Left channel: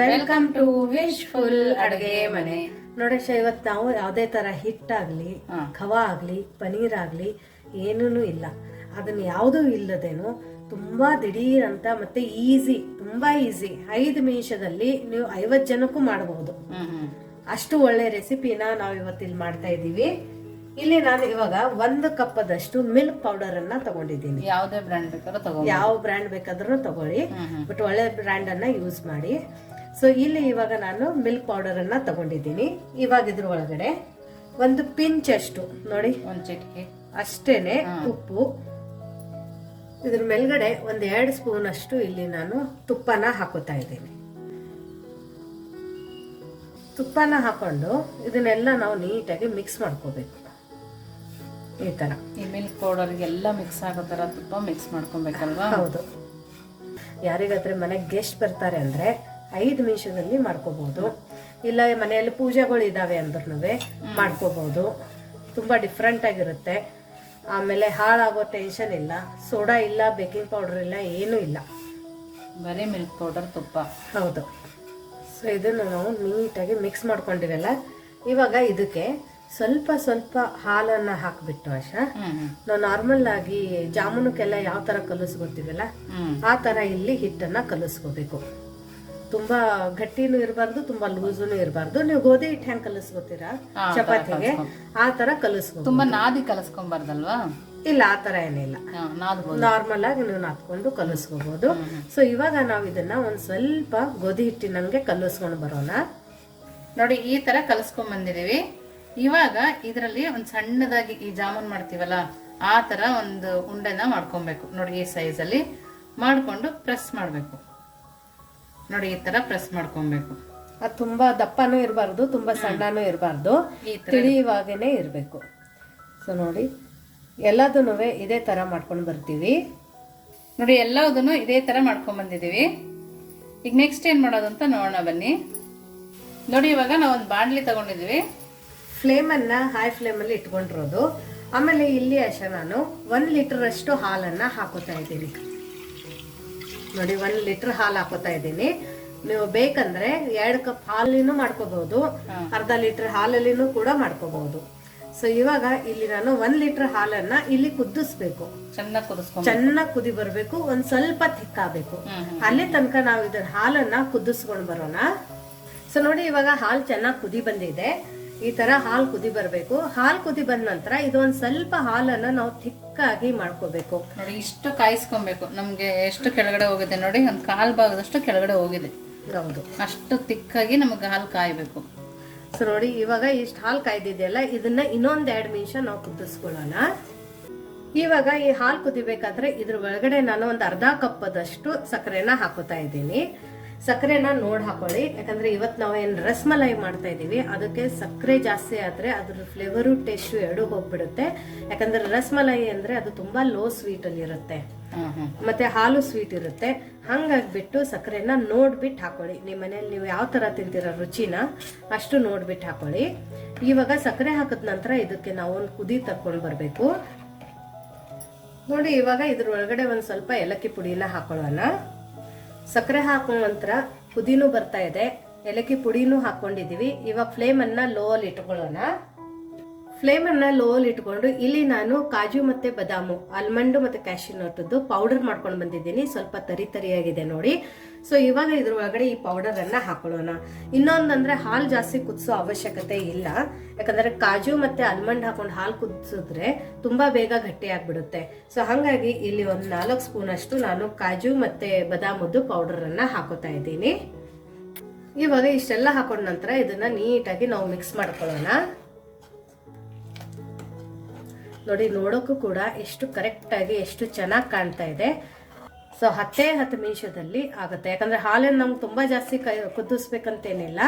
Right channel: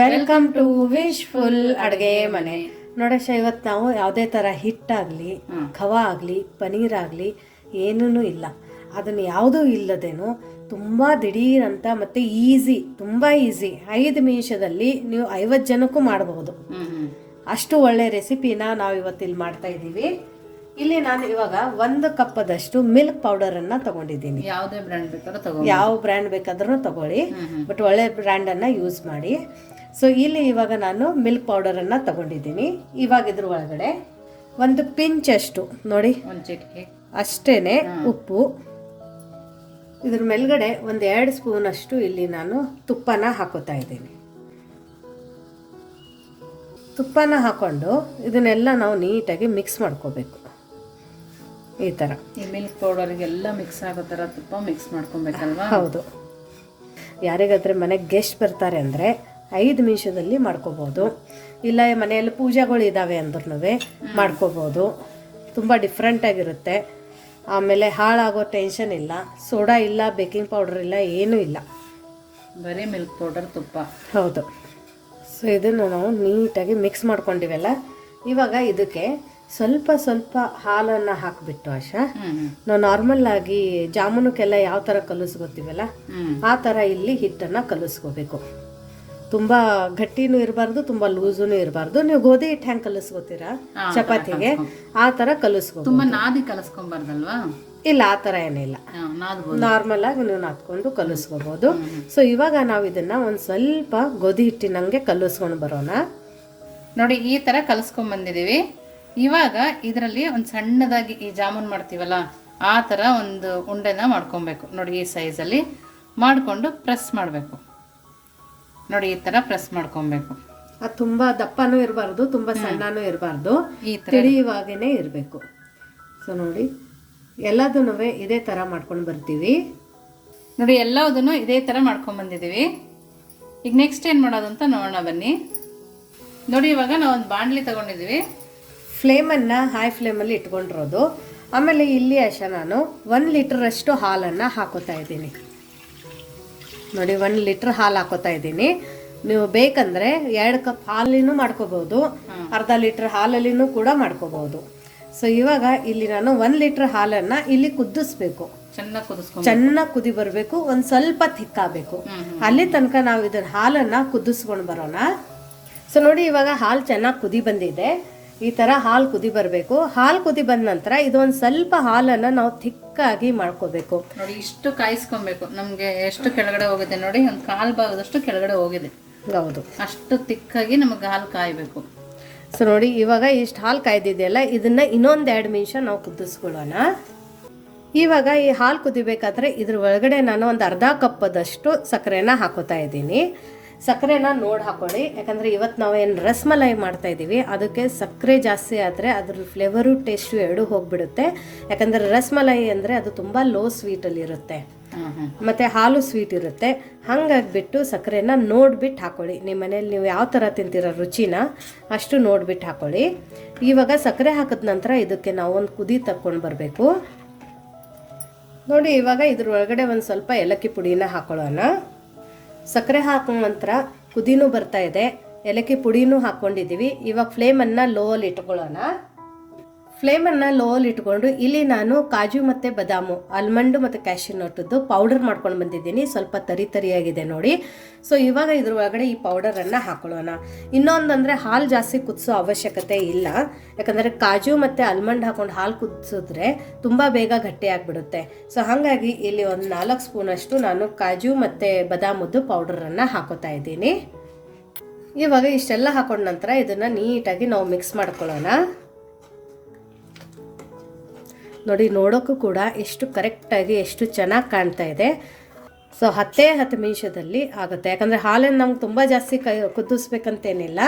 Welcome to wish full ಅಡುಗೆ ಮನೆ. ನೋಡಶ ಇವತ್ತು ನಾವು ಯಾವುದೇ ಥರ ಹಿಟ್ಟಾಗಲಿ ಖವಾ ಆಗಲಿ ಪನೀರ್ ಆಗಲಿ ಏನೂ ಇಲ್ಲ. ಅದನ್ನು ಯಾವುದೂ ಇಲ್ಲದೇನು ತುಂಬ ದಿಢೀರ್ ಅಂತ ಮತ್ತು ಈಸಿ ತುಂಬ ಈಸಿ. ಐದು ನಿಮಿಷದಲ್ಲಿ ನೀವು ಐವತ್ತು ಜನಕ್ಕೂ ಮಾಡಬಹುದು ಅಷ್ಟು ಒಳ್ಳೆ ರೆಸಿಪಿನ ನಾವು ಇವತ್ತಿಲ್ಲಿ ಮಾಡ್ತಾ ಇದ್ದೀವಿ. ಇಲ್ಲಿ ನಾನು ಇವಾಗ ಒಂದು ಕಪ್ಪದಷ್ಟು ಮಿಲ್ಕ್ ಪೌಡರ್ ಅನ್ನ ತಗೊಂಡಿದ್ದೀನಿ. ಯಾವುದೇ ಬ್ರ್ಯಾಂಡ್ ಬೇಕಾದ್ರೂ ಯಾವ ಬ್ರ್ಯಾಂಡ್ ಬೇಕಾದ್ರೂ ತಗೊಳ್ಳಿ. ಬಟ್ ಒಳ್ಳೆ ಬ್ರ್ಯಾಂಡನ್ನು ಯೂಸ್ ಮಾಡಿ. ಸೊ ಇಲ್ಲಿ ಇವಾಗ ನಾನು ಮಿಲ್ಕ್ ಪೌಡರನ್ನು ತಗೊಂಡಿದ್ದೀನಿ. ಇವಾಗ ಇದ್ರ ಒಳಗಡೆ ಒಂದು ಪಿಂಚ್ ಅಷ್ಟು. ನೋಡಿ. ಒಂದು ಚಿಟಿಕೆ. ಅಷ್ಟೇನೆ ಉಪ್ಪು. ಇದ್ರ ಮೇಲ್ಗಡೆ ಒಂದು ಎರಡು ಸ್ಪೂನ್ ಅಷ್ಟು ಇಲ್ಲಿ ನಾನು ತುಪ್ಪನ ಹಾಕೋತಾ ಇದ್ದೀನಿ. ತುಪ್ಪನ ಹಾಕೊಂಡು ಇದನ್ನೆಲ್ಲ ನಾವು ನೀಟಾಗಿ ಮಿಕ್ಸ್ ಮಾಡ್ಕೋಬೇಕು. ಈ ಥರ ಈ ಮಿಲ್ಕ್ ಪೌಡರ್ಗೆಲ್ಲ ಮಿಕ್ಸ್ ಆಗೋ ಥರ ತುಪ್ಪ ಮಿಕ್ಸ್ ಮಾಡ್ಕೊಬೇಕಲ್ವಾ? ಹೌದು. ಯಾರಿಗಾದ್ರೆ ಮನೆಗೆ ಗೆಸ್ಟ್ ಬರ್ತಾರೆ ಅಂದರೆ ಐದು ನಿಮಿಷದಲ್ಲಿ ಮಾಡ್ಕೋಬೋದು. ಇಲ್ಲ ಮನೆಯಲ್ಲಿ ಪೂಜೆಗಳು ಇದ್ದಾವೆ ಅಂದ್ರೂ ಮಾಡ್ಕೋಬೋದು. ತುಂಬ ಡಿಫ್ರೆಂಟಾಗಿರುತ್ತೆ ಆಮೇಲೆ ಹಾಳಾಗೋ ಟೆನ್ಷನ್ ಇಲ್ಲ. ಸೋಡಾ ಇಲ್ಲ ಬೇಕಿಂಗ್ ಪೌಡರ್ ಇಲ್ಲ ಏನೂ ಇಲ್ಲ. ಬರೀ ಮಿಲ್ಕ್ ಪೌಡರ್ ತುಪ್ಪ. ಹೌದು. ಸೊ ಇದನ್ನು ನಾವು ನೀಟಾಗಿ ಮಿಕ್ಸ್ ಮಾಡ್ಕೊಂಡಿವಲ್ಲ. ಇವಾಗ ಇದಕ್ಕೆ ಸ್ವಲ್ಪ ಸ್ವಲ್ಪ ಹಾಲನ್ನು ಹಾಕಿಬಿಟ್ಟು ಆಶಾ. ನಾವು ನಾರ್ಮಲ್ ಆಗಿ ಜಾಮೂನಕ್ಕೆಲ್ಲ ಯಾವ ಥರ ಕಲಿಸ್ಕೊತೀವಲ್ಲ ಆ ಥರ ಇಲ್ಲಿ ಹಿಟ್ಟನ್ನು ಕಲಿಸ್ಕೋಬೇಕು. ತುಂಬ ಗಟ್ಟಿನೂ ಇರಬಾರ್ದು ತುಂಬಾ ಲೂಸೂ ಇರಬಾರ್ದು. ನೀವು ಗೋಧಿ ಹಿಟ್ಟು ಹೆಂಗ್ ಕಲಿಸ್ಕೋತೀರಾ? ಚಪಾತಿಗೆ? ಆ ತರ ಕಲಿಸ್ಕೋ ತುಂಬಾ ನಾದಿ ಕಲಸ್ಕೊಂಬಾರ್ದಲ್ವಾ? ಇಲ್ಲ ಆ ತರ ಏನಿಲ್ಲ. ನಾರ್ಮಲ್ ಆಗಿ ನೀವು ನಾದ್ಕೊಂಡು ಕಲಸ್ಕೋಬಹುದು ಸೊ ಇವಾಗ ನಾವು ಇದನ್ನ ಒಂದು ಸ್ವಲ್ಪ ಗೋಧಿ ಹಿಟ್ಟಿನಂಗೆ ಕಲಿಸ್ಕೊಂಡು ಬರೋಣ. ನೋಡಿ ಈ ತರ ಕಲಸ್ಕೊಂಡ್ ಬಂದಿದೀವಿ ಇವಾಗ ಇದರಲ್ಲಿ ಒಂದ್ ಸಣ್ಣದಾಗಿ ಈ ಜಾಮೂನ್ ಮಾಡ್ತೀವಲ್ಲ ಆ ತರ ಒಂದು ಉಂಡೆನ ಮಾಡ್ಕೊಬೇಕು. ನೋಡಿ ಈ ಸೈಝಲ್ಲಿ ಮಾಡ್ಕೊಂಡು ಪ್ರೆಸ್ ಮಾಡಬೇಕು. ನೋಡಿ ಈ ತರ ಪ್ರೆಸ್ ಮಾಡ್ಕೊಬೇಕು. ಅದು ತುಂಬ ದಪ್ಪನೂ ಇರಬಾರ್ದು ತುಂಬ ಸಣ್ಣನೂ ಇರಬಾರ್ದು. ಈ ತರ. ತಿಳಿಯುವಾಗೇ ಇರಬೇಕು. ಸೊ ನೋಡಿ ಎಲ್ಲದನ್ನೂ ಇದೇ ಥರ ಮಾಡ್ಕೊಂಡು ಬರ್ತೀವಿ. ನೋಡಿ ಎಲ್ಲದನ್ನು ಇದೇ ತರ ಮಾಡ್ಕೊಂಡು ಬಂದಿದೀವಿ ಈಗ ನೆಕ್ಸ್ಟ್ ಏನು ಮಾಡೋದು ಅಂತ ನೋಡೋಣ ಬನ್ನಿ. ನೋಡಿ ಇವಾಗ ನಾವು ಒಂದು ಬಾಣಲಿ ತಗೊಂಡಿದೀವಿ ಫ್ಲೇಮನ್ನು ಹೈ ಫ್ಲೇಮಲ್ಲಿ ಇಟ್ಕೊಂಡಿರೋದು. ಆಮೇಲೆ ಇಲ್ಲಿ ಅಷ್ಟ ನಾನು ಒಂದು ಲೀಟ್ರಷ್ಟು ಹಾಲನ್ನು ಹಾಕೋತಾ ಇದ್ದೀನಿ. ನೋಡಿ ಒನ್ ಲೀಟರ್ ಹಾಲು ಹಾಕೋತಾ ಇದ್ದೀನಿ. ನೀವು ಬೇಕಂದ್ರೆ ಎರಡು ಕಪ್ ಹಾಲಿನೂ ಮಾಡ್ಕೋಬಹುದು ಅರ್ಧ ಲೀಟರ್ ಹಾಲಲ್ಲಿನೂ ಕೂಡ ಮಾಡ್ಕೋಬಹುದು ಸೊ ಇವಾಗ ಇಲ್ಲಿ ನಾನು ಒಂದ್ ಲೀಟರ್ ಹಾಲನ್ನ ಇಲ್ಲಿ ಕುದಿಸ್ಬೇಕು. ಚೆನ್ನಾಗಿ ಕುದಿ ಬರಬೇಕು ಒಂದ್ ಸ್ವಲ್ಪ ತಿಕ್ಕಾಗಬೇಕು ಅಲ್ಲಿ ತನಕ ನಾವು ಇದನ್ನ ಹಾಲನ್ನ ಕುದಿಸ್ಕೊಂಡು ಬರೋಣ. ಸೊ ನೋಡಿ ಇವಾಗ ಹಾಲು ಚೆನ್ನಾಗಿ ಕುದಿ ಬಂದಿದೆ. ಈ ತರ ಹಾಲು ಕುದಿ ಬರಬೇಕು. ಹಾಲು ಕುದಿ ಬಂದ ನಂತರ ಇದೊಂದು ಸ್ವಲ್ಪ ಹಾಲನ್ನ ನಾವು ಥಿಕ್ಕಾಗಿ ಮಾಡ್ಕೋಬೇಕು. ನೋಡಿ ಇಷ್ಟು ಕಾಯಿಸ್ಕೊಬೇಕು. ನಮಗೆ ಎಷ್ಟು ಕೆಳಗಡೆ ಹೋಗಿದೆ ನೋಡಿ ಒಂದು ಕಾಲು ಭಾಗದಷ್ಟು ಕೆಳಗಡೆ ಹೋಗಿದೆ. ಹೌದು. ಅಷ್ಟು ತಿಕ್ಕಾಗಿ ನಮಗೆ ಹಾಲು ಕಾಯಬೇಕು. ಸೊ ನೋಡಿ ಇವಾಗ ಇಷ್ಟು ಹಾಲು ಕಾಯ್ದಿದೆಯಲ್ಲ ಇದನ್ನ ಇನ್ನೊಂದು ಎರಡು ನಿಮಿಷ ನಾವು ಕುದಿಸ್ಕೊಳ್ಳೋಣ. ಇವಾಗ ಈ ಹಾಲು ಕುದಿಬೇಕಾದ್ರೆ ಇದ್ರ ಒಳಗಡೆ ನಾನು ಒಂದು ಅರ್ಧ ಕಪ್ಪದಷ್ಟು ಸಕ್ಕರೆನ ಹಾಕೋತಾ ಇದ್ದೀನಿ. ಸಕ್ಕರೆನ ನೋಡಿ ಹಾಕೊಳ್ಳಿ. ಯಾಕಂದರೆ ಇವತ್ತು ನಾವೇನು ರಸ್ಮಲೈ ಮಾಡ್ತಾ ಇದ್ದೀವಿ ಅದಕ್ಕೆ ಸಕ್ಕರೆ ಜಾಸ್ತಿ ಆದರೆ ಅದ್ರ ಫ್ಲೇವರು ಟೇಸ್ಟು ಎರಡೂ ಹೋಗಿಬಿಡುತ್ತೆ. ಯಾಕಂದರೆ ರಸ್ಮಲೈ ಅಂದರೆ ಅದು ತುಂಬ ಲೋ ಸ್ವೀಟಲ್ಲಿ ಇರುತ್ತೆ. ಹ್ಮ್ ಹ್ಮ್. ಮತ್ತು ಹಾಲು ಸ್ವೀಟ್ ಇರುತ್ತೆ. ಹಾಗಾಗ್ಬಿಟ್ಟು ಸಕ್ಕರೆನ ನೋಡ್ಬಿಟ್ಟು ಹಾಕೊಳ್ಳಿ. ನಿಮ್ಮ ಮನೇಲಿ ನೀವು ಯಾವ ಥರ ತಿಂತೀರೋ ರುಚಿನ ಅಷ್ಟು ನೋಡ್ಬಿಟ್ಟು ಹಾಕೊಳ್ಳಿ. ಇವಾಗ ಸಕ್ಕರೆ ಹಾಕಿದ ನಂತರ ಇದಕ್ಕೆ ನಾವು ಒಂದು ಕುದಿ ತಕ್ಕೊಂಡು ಬರಬೇಕು. ನೋಡಿ ಇವಾಗ ಇದ್ರ ಒಳಗಡೆ ಒಂದು ಸ್ವಲ್ಪ ಏಲಕ್ಕಿ ಪುಡಿನ ಹಾಕೊಳ್ಳೋಣ. ಸಕ್ಕರೆ ಹಾಕೋ ನಂತರ ಪುದೀನೂ ಬರ್ತಾ ಇದೆ. ಏಲಕ್ಕಿ ಪುಡಿನೂ ಹಾಕ್ಕೊಂಡಿದ್ದೀವಿ. ಇವಾಗ ಫ್ಲೇಮನ್ನು ಲೋವಲ್ಲಿ ಇಟ್ಕೊಳ್ಳೋಣ. ಫ್ಲೇಮನ್ನು ಲೋವಲ್ಲಿ ಇಟ್ಕೊಂಡು ಇಲ್ಲಿ ನಾನು ಕಾಜು ಮತ್ತು ಬದಾಮು, ಆಲ್ಮಂಡು ಮತ್ತು ಕ್ಯಾಶ್ಯೂ ನಟ್ಟದ್ದು ಪೌಡರ್ ಮಾಡ್ಕೊಂಡು ಬಂದಿದ್ದೀನಿ. ಸ್ವಲ್ಪ ತರಿ ತರಿಯಾಗಿದೆ ನೋಡಿ. ಸೊ ಇವಾಗ ಇದ್ರ ಒಳಗಡೆ ಈ ಪೌಡರನ್ನು ಹಾಕೊಳ್ಳೋಣ. ಇನ್ನೊಂದಂದರೆ ಹಾಲು ಜಾಸ್ತಿ ಕುದಿಸೋ ಅವಶ್ಯಕತೆ ಇಲ್ಲ. ಯಾಕಂದರೆ ಕಾಜು ಮತ್ತು ಆಲ್ಮಂಡ್ ಹಾಕೊಂಡು ಹಾಲು ಕುದಿಸಿದ್ರೆ ತುಂಬ ಬೇಗ ಗಟ್ಟಿ ಆಗಿಬಿಡುತ್ತೆ. ಸೊ ಹಾಗಾಗಿ ಇಲ್ಲಿ ಒಂದು ನಾಲ್ಕು ಸ್ಪೂನಷ್ಟು ನಾನು ಕಾಜು ಮತ್ತು ಬದಾಮದ್ದು ಪೌಡರನ್ನು ಹಾಕೋತಾ ಇದ್ದೀನಿ. ಇವಾಗ ಇಷ್ಟೆಲ್ಲ ಹಾಕೊಂಡ ನಂತರ ಇದನ್ನು ನೀಟಾಗಿ ನಾವು ಮಿಕ್ಸ್ ಮಾಡ್ಕೊಳ್ಳೋಣ. ನೋಡಿ ನೋಡೋಕ್ಕೂ ಕೂಡ ಎಷ್ಟು ಕರೆಕ್ಟಾಗಿ ಎಷ್ಟು ಚೆನ್ನಾಗಿ ಕಾಣ್ತಾ ಇದೆ. ಸೊ ಹತ್ತೇ ಹತ್ತು ನಿಮಿಷದಲ್ಲಿ ಆಗುತ್ತೆ. ಯಾಕಂದರೆ ಹಾಲನ್ನು ನಮ್ಗೆ ತುಂಬ ಜಾಸ್ತಿ ಕೈ ಕುದಿಸ್ಬೇಕಂತೇನಿಲ್ಲ.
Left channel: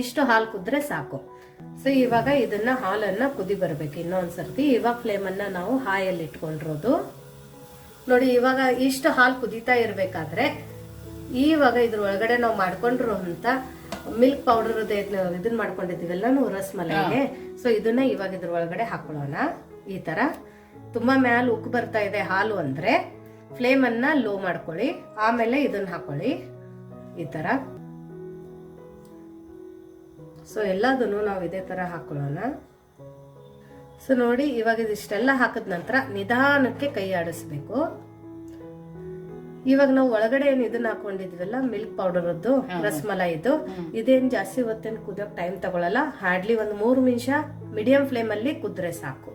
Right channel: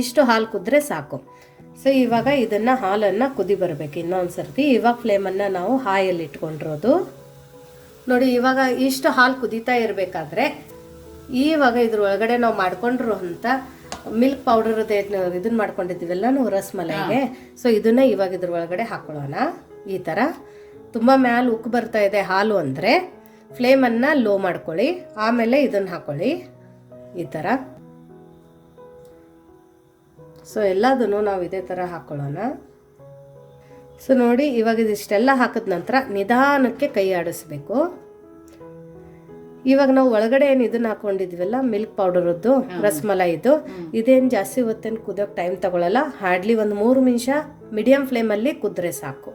ಇಷ್ಟು ಹಾಲು ಕುದ್ರೆ ಸಾಕು. ಸೊ ಇವಾಗ ಇದನ್ನು ಹಾಲನ್ನು ಕುದಿ ಬರಬೇಕು ಇನ್ನೊಂದು ಸರ್ತಿ ಇವಾಗ ಫ್ಲೇಮನ್ನು ನಾವು ಹಾಯಲ್ಲಿ ಇಟ್ಕೊಂಡಿರೋದು. ನೋಡಿ ಇವಾಗ ಇಷ್ಟು ಹಾಲು ಕುದೀತಾ ಇರಬೇಕಾದ್ರೆ ಇವಾಗ ಇದ್ರ ಒಳಗಡೆ ನಾವು ಮಾಡ್ಕೊಂಡಿರೋ ಅಂತ ಮಿಲ್ಕ್ ಪೌಡರ್ ಇದನ್ನ ಮಾಡ್ಕೊಂಡಿದ್ದೀವಲ್ಲ ನಾವು ರಸ್ಮಲೈಗೆ ಸೊ ಇದನ್ನ ಇವಾಗ ಇದ್ರ ಒಳಗಡೆ ಹಾಕೊಳ್ಳೋಣ. ಈ ಥರ ತುಂಬ ಮ್ಯಾಲ ಉಕ್ಕು ಬರ್ತಾ ಇದೆ ಹಾಲು ಅಂದರೆ. ಫ್ಲೇಮನ್ನು ಲೋ ಮಾಡ್ಕೊಳ್ಳಿ. ಆಮೇಲೆ ಇದನ್ನು ಹಾಕೊಳ್ಳಿ. ಈ ಥರ ಸೊ ಎಲ್ಲದನ್ನು ನಾವು ಇದೇ ಥರ ಹಾಕ್ಕೊಳ್ಳೋಣ ಸೊ ನೋಡಿ ಇವಾಗ ಇದಿಷ್ಟೆಲ್ಲ ಹಾಕಿದ ನಂತರ ನಿಧಾನಕ್ಕೆ ಕೈ ಆಡಿಸ್ಬೇಕು. ಇವಾಗ ನಾವು ಒಳಗಡೆ ಏನು ಇದನ್ನ ಹಾಕೊಂಡಿದ್ವಲ್ಲ ಮಿಲ್ಕ್ ಪೌಡರದ್ದು ಇದು ಇದೇನು ಜಾಸ್ತಿ ಹೊತ್ತೇನು ಕುದಿಯೋಕೆ ಟೈಮ್ ತಗೊಳ್ಳಲ್ಲ ಹಾರ್ಡ್ಲಿ ಒಂದು ಮೂರು ನಿಮಿಷ ಮೀಡಿಯಂ ಫ್ಲೇಮಲ್ಲಿ ಕುದ್ರೆ ಸಾಕು.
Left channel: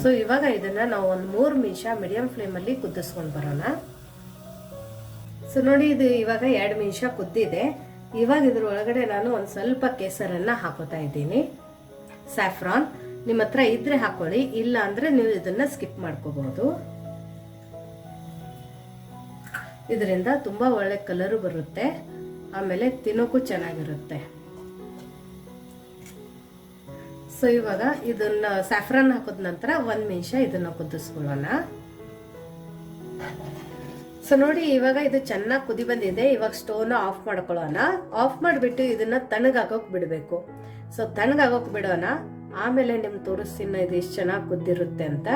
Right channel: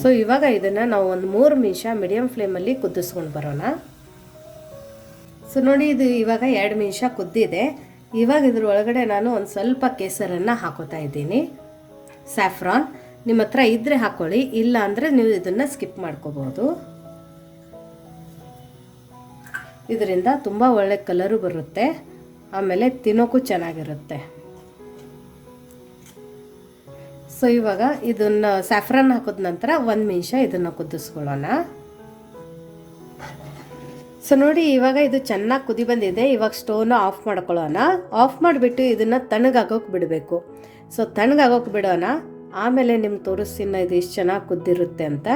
ಸೊ ಇವಾಗ ಇದನ್ನ ನಾವು ಒಂದು ಮೂರು ನಿಮಿಷ ಮೀಡಿಯಂ ಫ್ಲೇಮಲ್ಲಿ ಕುದಿಸ್ಕೊಂಡು ಬರೋಣ. ಸೊ ನೋಡಿ ಇದು ಇವಾಗ ಎರಡು ನಿಮಿಷ ಕುದ್ದಿದೆ. ಇವಾಗ ಇದ್ರ ಒಳಗಡೆ ನಾನು ಒಂದು ಸ್ವಲ್ಪ ಕೇಸರನ್ನು ಹಾಕೋತಾ ಇದ್ದೀನಿ. ಸ್ಯಾಫ್ರಾನ್ ನಿಮ್ಮ ಹತ್ರ ಇದ್ರೆ ಹಾಕೊಳ್ಳಿ, ಇಲ್ಲ ಅಂದರೆ ನೀವು ಇದನ್ನು ಸ್ಕಿಪ್ ಮಾಡ್ಕೋಬೋದು. ಇದರಿಂದ ತುಂಬ ಒಳ್ಳೆ ಕಲರು ಬರುತ್ತೆ. ಆಮೇಲೆ ತಿನ್ನೋಕ್ಕೂ ಚೆನ್ನಾಗಿರುತ್ತೆ. ಸೊ ಇವಾಗ ಇದನ್ನ ಸ್ಯಾಫ್ರನ್ ಹಾಕಿದ ನಂತರ ಒಂದು ನಿಮಿಷ ಇದನ್ನು ಕುದಿಸ್ಕೊಳ್ಳೋಣ. ಸೊ ನೋಡಿ ಇವಾಗ ಇದು ಚೆನ್ನಾಗಿ ಕುದಿ ಬಂದಿದೆ. ಇವಾಗ ಸ್ಟೋವ್ನ ಆಫ್ ಮಾಡ್ಕೊಳ್ಳೋಣ. ಆಫ್ ಮಾಡಿಬಿಟ್ಟು ಇದನ್ನು ತಣ್ಣಗಾಗೋಕೆ ಬಿಡಬೇಕು. ಸೊ ತಣ್ಣಗಾಗೋಕೆ ಬಿಡೋಣ. ಆಮೇಲೆ ನಿಮ್ಗೆ ತೋರಿಸ್ತೀನಿ ಇದು ಎಷ್ಟು ಚೆನ್ನಾಗಿ ಕುದ್ದಿರುತ್ತೆ ಅಂತ.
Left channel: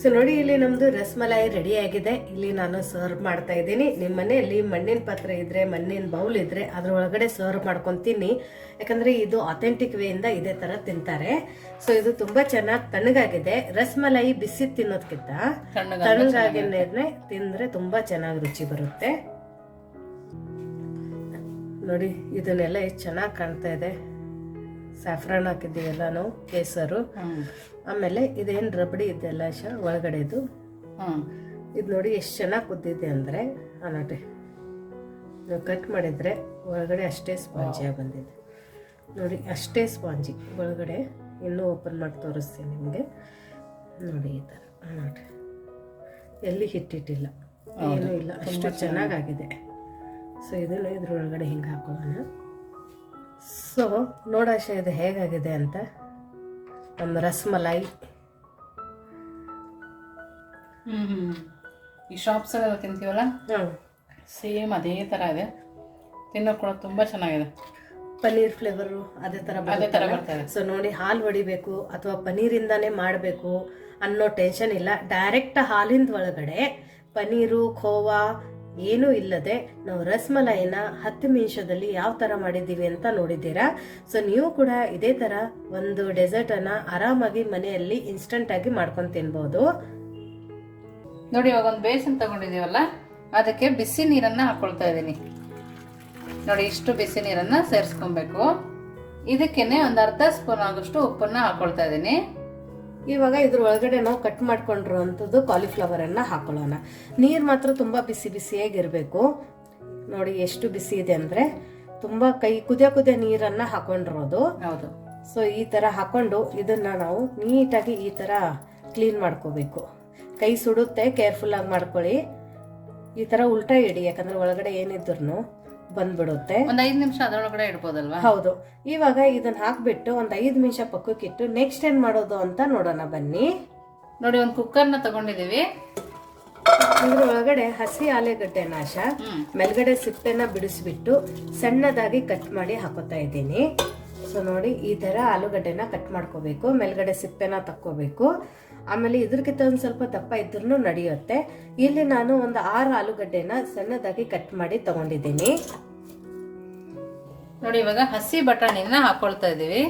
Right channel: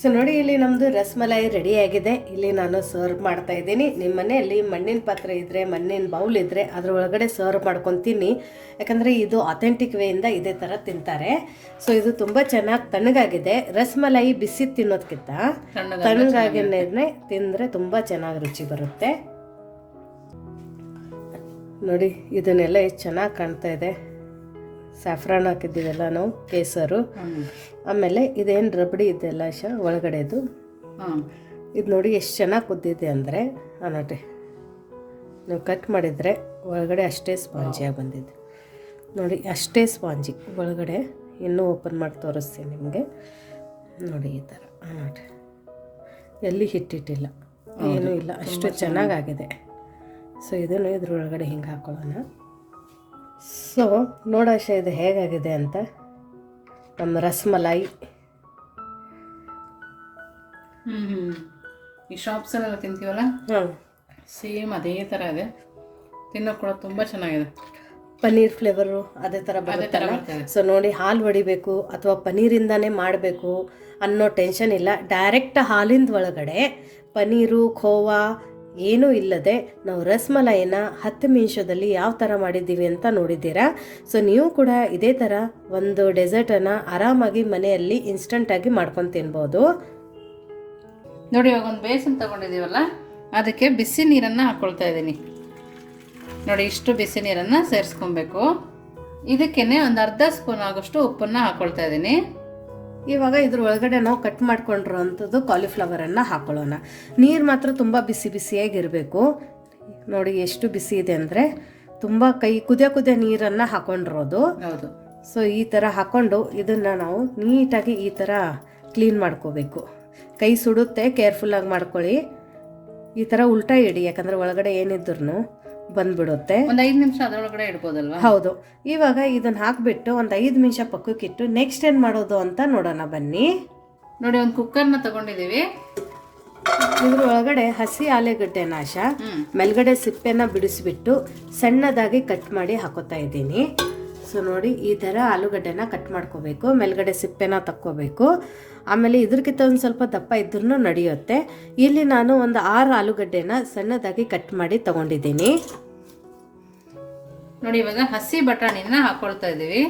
ಸೊ ನೋಡಿ ಇಲ್ಲಿ ನಮ್ಮದು ರಸ್ಮಲಾಯಿ ರೆಡಿ ಆಗಿದೆ. ಇಲ್ಲಿ ನಾನು ಸರ್ವ್ ಮಾಡ್ತಾ ಇದ್ದೀನಿ. ನಿಮ್ಮ ಮನೆಯಲ್ಲಿ ಮಣ್ಣಿನ ಪಾತ್ರೆ ಇದ್ದರೆ ಮಣ್ಣಿನ ಬೌಲ್ ಇದ್ದರೆ ಅದ್ರ ಒಳಗಡೆ ಸರ್ವ್ ಮಾಡ್ಕೊತೀನಿ. ತಿನ್ನಿ ಯಾಕಂದರೆ ಇದು ಅಥೆಂಟಿಕ್ ವೇಯಿಂದ ಇದೇ ಥರ ತಿಂತಾರೆ. ಸೊ ಇದು ತುಂಬ ಚೆನ್ನಾಗಿ ತಣ್ಣಗಾಗಿದೆ. ರಸಮಲಾಯಿ ಬಿಸಿ ತಿನ್ನೋದಕ್ಕಿಂತ ತಣ್ಣಗಾಗಿ ತಣ್ಣಗಾಗಿನೇ ತಿಂದರೆ ತುಂಬ ಚೆನ್ನಾಗಿ ರುಚಿ ಬರುತ್ತೆ. ನೋಡಿ ಇದನ್ನೆಲ್ಲ ಎಷ್ಟು ಚೆನ್ನಾಗಿ ಕಾಣ್ತಾ ಇದೆ. ಸ್ಯಾಫ್ರಾನ್ ಹಾಕಿದ್ದೀವಲ್ಲ ನಾವು ಕೇಸರು. ಆಮೇಲೆ ಇದೇನು ರಬಡಿ ಇದೆಲ್ಲ ಶ ಒಳಗಡೆದು. ಹಾಂ ಇದು ನೋಡಿ ಎಷ್ಟು ಚೆನ್ನಾಗಿ ಕುದ್ದಿದೆ ಅಂದರೆ ನೋಡ್ರಿ. ನೀವು ಕಟ್ ಮಾಡಿದರೆ ಒಳಗಡೆ ಅಷ್ಟೇ ಸ್ಪಾಂಜಿಯಾಗಿ ಬಂದಿದೆ ನೋಡಿ ಅಷ್ಟೇ ಸ್ಪಾಂಜಿ ಒಳಗಡೆ ಇನ್ನೂ ಓಪನ್ ಮಾಡಿ ತೋರಿಸ್ತೀನಿ ನಿಮಗೆ. ನೋಡಿ ಈ ಥರ ನೋಡಿರಿ. ಎಲ್ಲಿ ಹಿಟ್ಟಿಟ್ಟಿಲ್ಲ. ಏನೂ ಇಲ್ಲ ಅಷ್ಟು ಚೆನ್ನಾಗಾಗಿದೆ. ಸೊ ಇದನ್ನು ಇದ್ರೊಳಗಡೆ ಹಿಂಗೆ ಹಾಕೊಳ್ಳೋಣ ಸೊ ನೋಡಾಶ ಇದು ಹೇಗಾಗಿದೆ ಅಂತ ನಮ್ಮ ರಸ್ಮಲಾಯಿ. ಹ್ಞೂ ಈ ಶಾಪ್ಸಲ್ಲೆಲ್ಲ ತಿಂತೀವಲ್ಲ? ಹಾಂ. ಸೇಮ್ ಅದೇ ಥರ ಇದೆ. ತಿನ್ನೋಕೆ ಕೂಡ ತುಂಬ ಚೆನ್ನಾಗಿದೆ. ಪನ್ನೀರ್ ಫ್ಲೇವರು ಅದೇ ಥರ ಅದೇ ಥರ ಬರ್ತದೆ. ಸೊ ನೋಡಿ ಹಾಲು ಹೊಡಿಬೇಕು ಅಥವಾ ಪನ್ನೀರಿಂದನೇ ಮಾಡಬೇಕು ಅನ್ನೋ ಟೆನ್ಷನ್ ಇಲ್ಲ. ಡೈರೆಕ್ಟ್ ಹಾಲಿಂದ ಒಳಗಡೆ ಪನ್ನೀರು ಖೋವಾ ಏನೂ ಇಲ್ಲದೆ ನಾವು ರಸ್ಮಲಾಯಿನ ಹತ್ತು ನಿಮಿಷದಲ್ಲಿ ಯಾವ ಥರ ಮಾಡಿದ್ದೀವಿ ಅಂತ ನೋಡಿದ್ದೀರಾ? ಸೊ ನೀವು ಕೂಡ ಇದೇ ಥರ ಒಂದು ಡೆಸರ್ಟನ್ನು ಆರಾಮಾಗಿ ಮನೆಯಲ್ಲಿ ಇನ್ಸ್ಟಂಟಾಗಿ ಮಾಡ್ಕೊಂಡು ತಿನ್ಬೋದು. ನೋಡಿ, ಇವಾಗ ಒಂದು ಬೇಸನ್ ತಗೊಂಡಿದ್ದೀವಲ್ಲ, ಅದಕ್ಕೆ ಬಿಸಿ ನೀರನ್ನು ಹಾಕ್ಕೊಳ್ತಾ ಇದ್ದೀನಿ. ನೋಡಿ, ಇಷ್ಟು ಬಿಸಿ ನೀರನ್ನು ಸೇರಿಸ್ಕೊಬೇಕು. ಇದಕ್ಕೇ ಒಂದು ಅರ್ಧ ಸ್ಪೂನ್ ಆಗೋಷ್ಟು ಉಪ್ಪನ್ನು ಹಾಕ್ಕೊಳ್ತಾ ಇದ್ದೀನಿ. ಇವಾಗ ಇದ್ರ ಒಳಗಡೆ ನಾವು ಕಟ್ ಮಾಡ್ಕೊಂಡಿರುವಂಥದ್ದು ಕಾಲಿಫ್ಲವರನ್ನು ಹಾಕೊಳ್ಳೋಣ. ನೀರು ಮಾತ್ರ ತುಂಬ ಬಿಸಿ ಬಿಸಿಯಾಗಿರಬೇಕು. ನೋಡಿ ಎಷ್ಟು ಬಿಸಿ ಇದೆ ಅಂದರೆ ತುಂಬ ಕೈ ಕುದಿಯ ಕುದಿಯ ನೀರನ್ನು ಹಾಕೊಂಡಿರೋದು. ಹೌದು. ಸೊ ಈ ಥರ ಹಾಕೊಂಡು ಇದನ್ನು ನಾವು ನೀಟಾಗಿ ಈ ಥರ ಕ್ಲೀನ್ ಮಾಡ್ಕೋಬೇಕು. ಕೈ ಸುಡುತ್ತೆ ಕೇರ್ಫುಲ್ಲಾಗಿ ಮಾಡ್ಕೊಳ್ಳಿ. ಈ ಥರ ಉಲ್ಟಾ ಇಡಿ ಯಾಕಂದರೆ ಒಳಗಡೆ ಏನಿದ್ರು ಬಂದ್ಬಿಡುತ್ತೆ. ಒಂದು ಐದು ನಿಮಿಷ ಅದರೊಳಗಡೆ ಇಡ್ಬೋದಲ್ವಾ? ಹೌದು. ಇವಾಗ ಇದನ್ನ ಹಾಕ್ಬಿಟ್ಟು ಒಂದು ಐದು ನಿಮಿಷ ಪಕ್ಕಕ್ಕಿಟ್ಟು ನೆಕ್ಸ್ಟ್ ಏನು ಮಾಡೋದು ಅಂತ ನೋಡೋಣ ಬನ್ನಿ. ನೋಡಿ ಒಂದು ಕುಕ್ಕರ್ನ ತಗೊಂಡಿದ್ದೀವಿ ಇದ್ರ ಒಳಗಡೆ ಹಸಿ ಆಲೂಗಡ್ಡೆ ನಾಶ ಮೇಲ್ಗಡೆ ಸಿಪ್ಪೆನ ಬಿಡಿಸ್ಬಿಟ್ಟು ಸಣ್ಣದಾಗಿ ಕಟ್ ಮಾಡಿ ಹಾಕೋತಾ ಇದ್ದೀನಿ. ಸೊ ನೋಡಿ ಈ ಥರ ಆಲೂಗಡ್ಡೆನ ಕಟ್ ಮಾಡ್ಕೋಬೇಕು ಮೇಲ್ಗಡೆ ಸಿಪ್ಪೆನ ತಕ್ಕೋಬೇಕು. ಆಮೇಲೆ ಇದ್ರಕ್ಕಿಂತ ಒಂದು ಸ್ವಲ್ಪ ದಪ್ಪ ಇದ್ರೂ ನಡೆಯುತ್ತೆ. ಇಲ್ಲಿ ನಾನು ಒಂದು ಆರು ಆಲೂಗಡ್ಡೆನ ಸಣ್ಣದಾಗಿ ಕಟ್ ಮಾಡಿ ತಗೊಂಡಿದ್ದೀನಿ. ನೋಡಿ ಇವಾಗ ಹಸಿ ಬಟಾಣಿನ ಹಾಕೊಳ್ತಾ ಇದ್ದೀವಿ.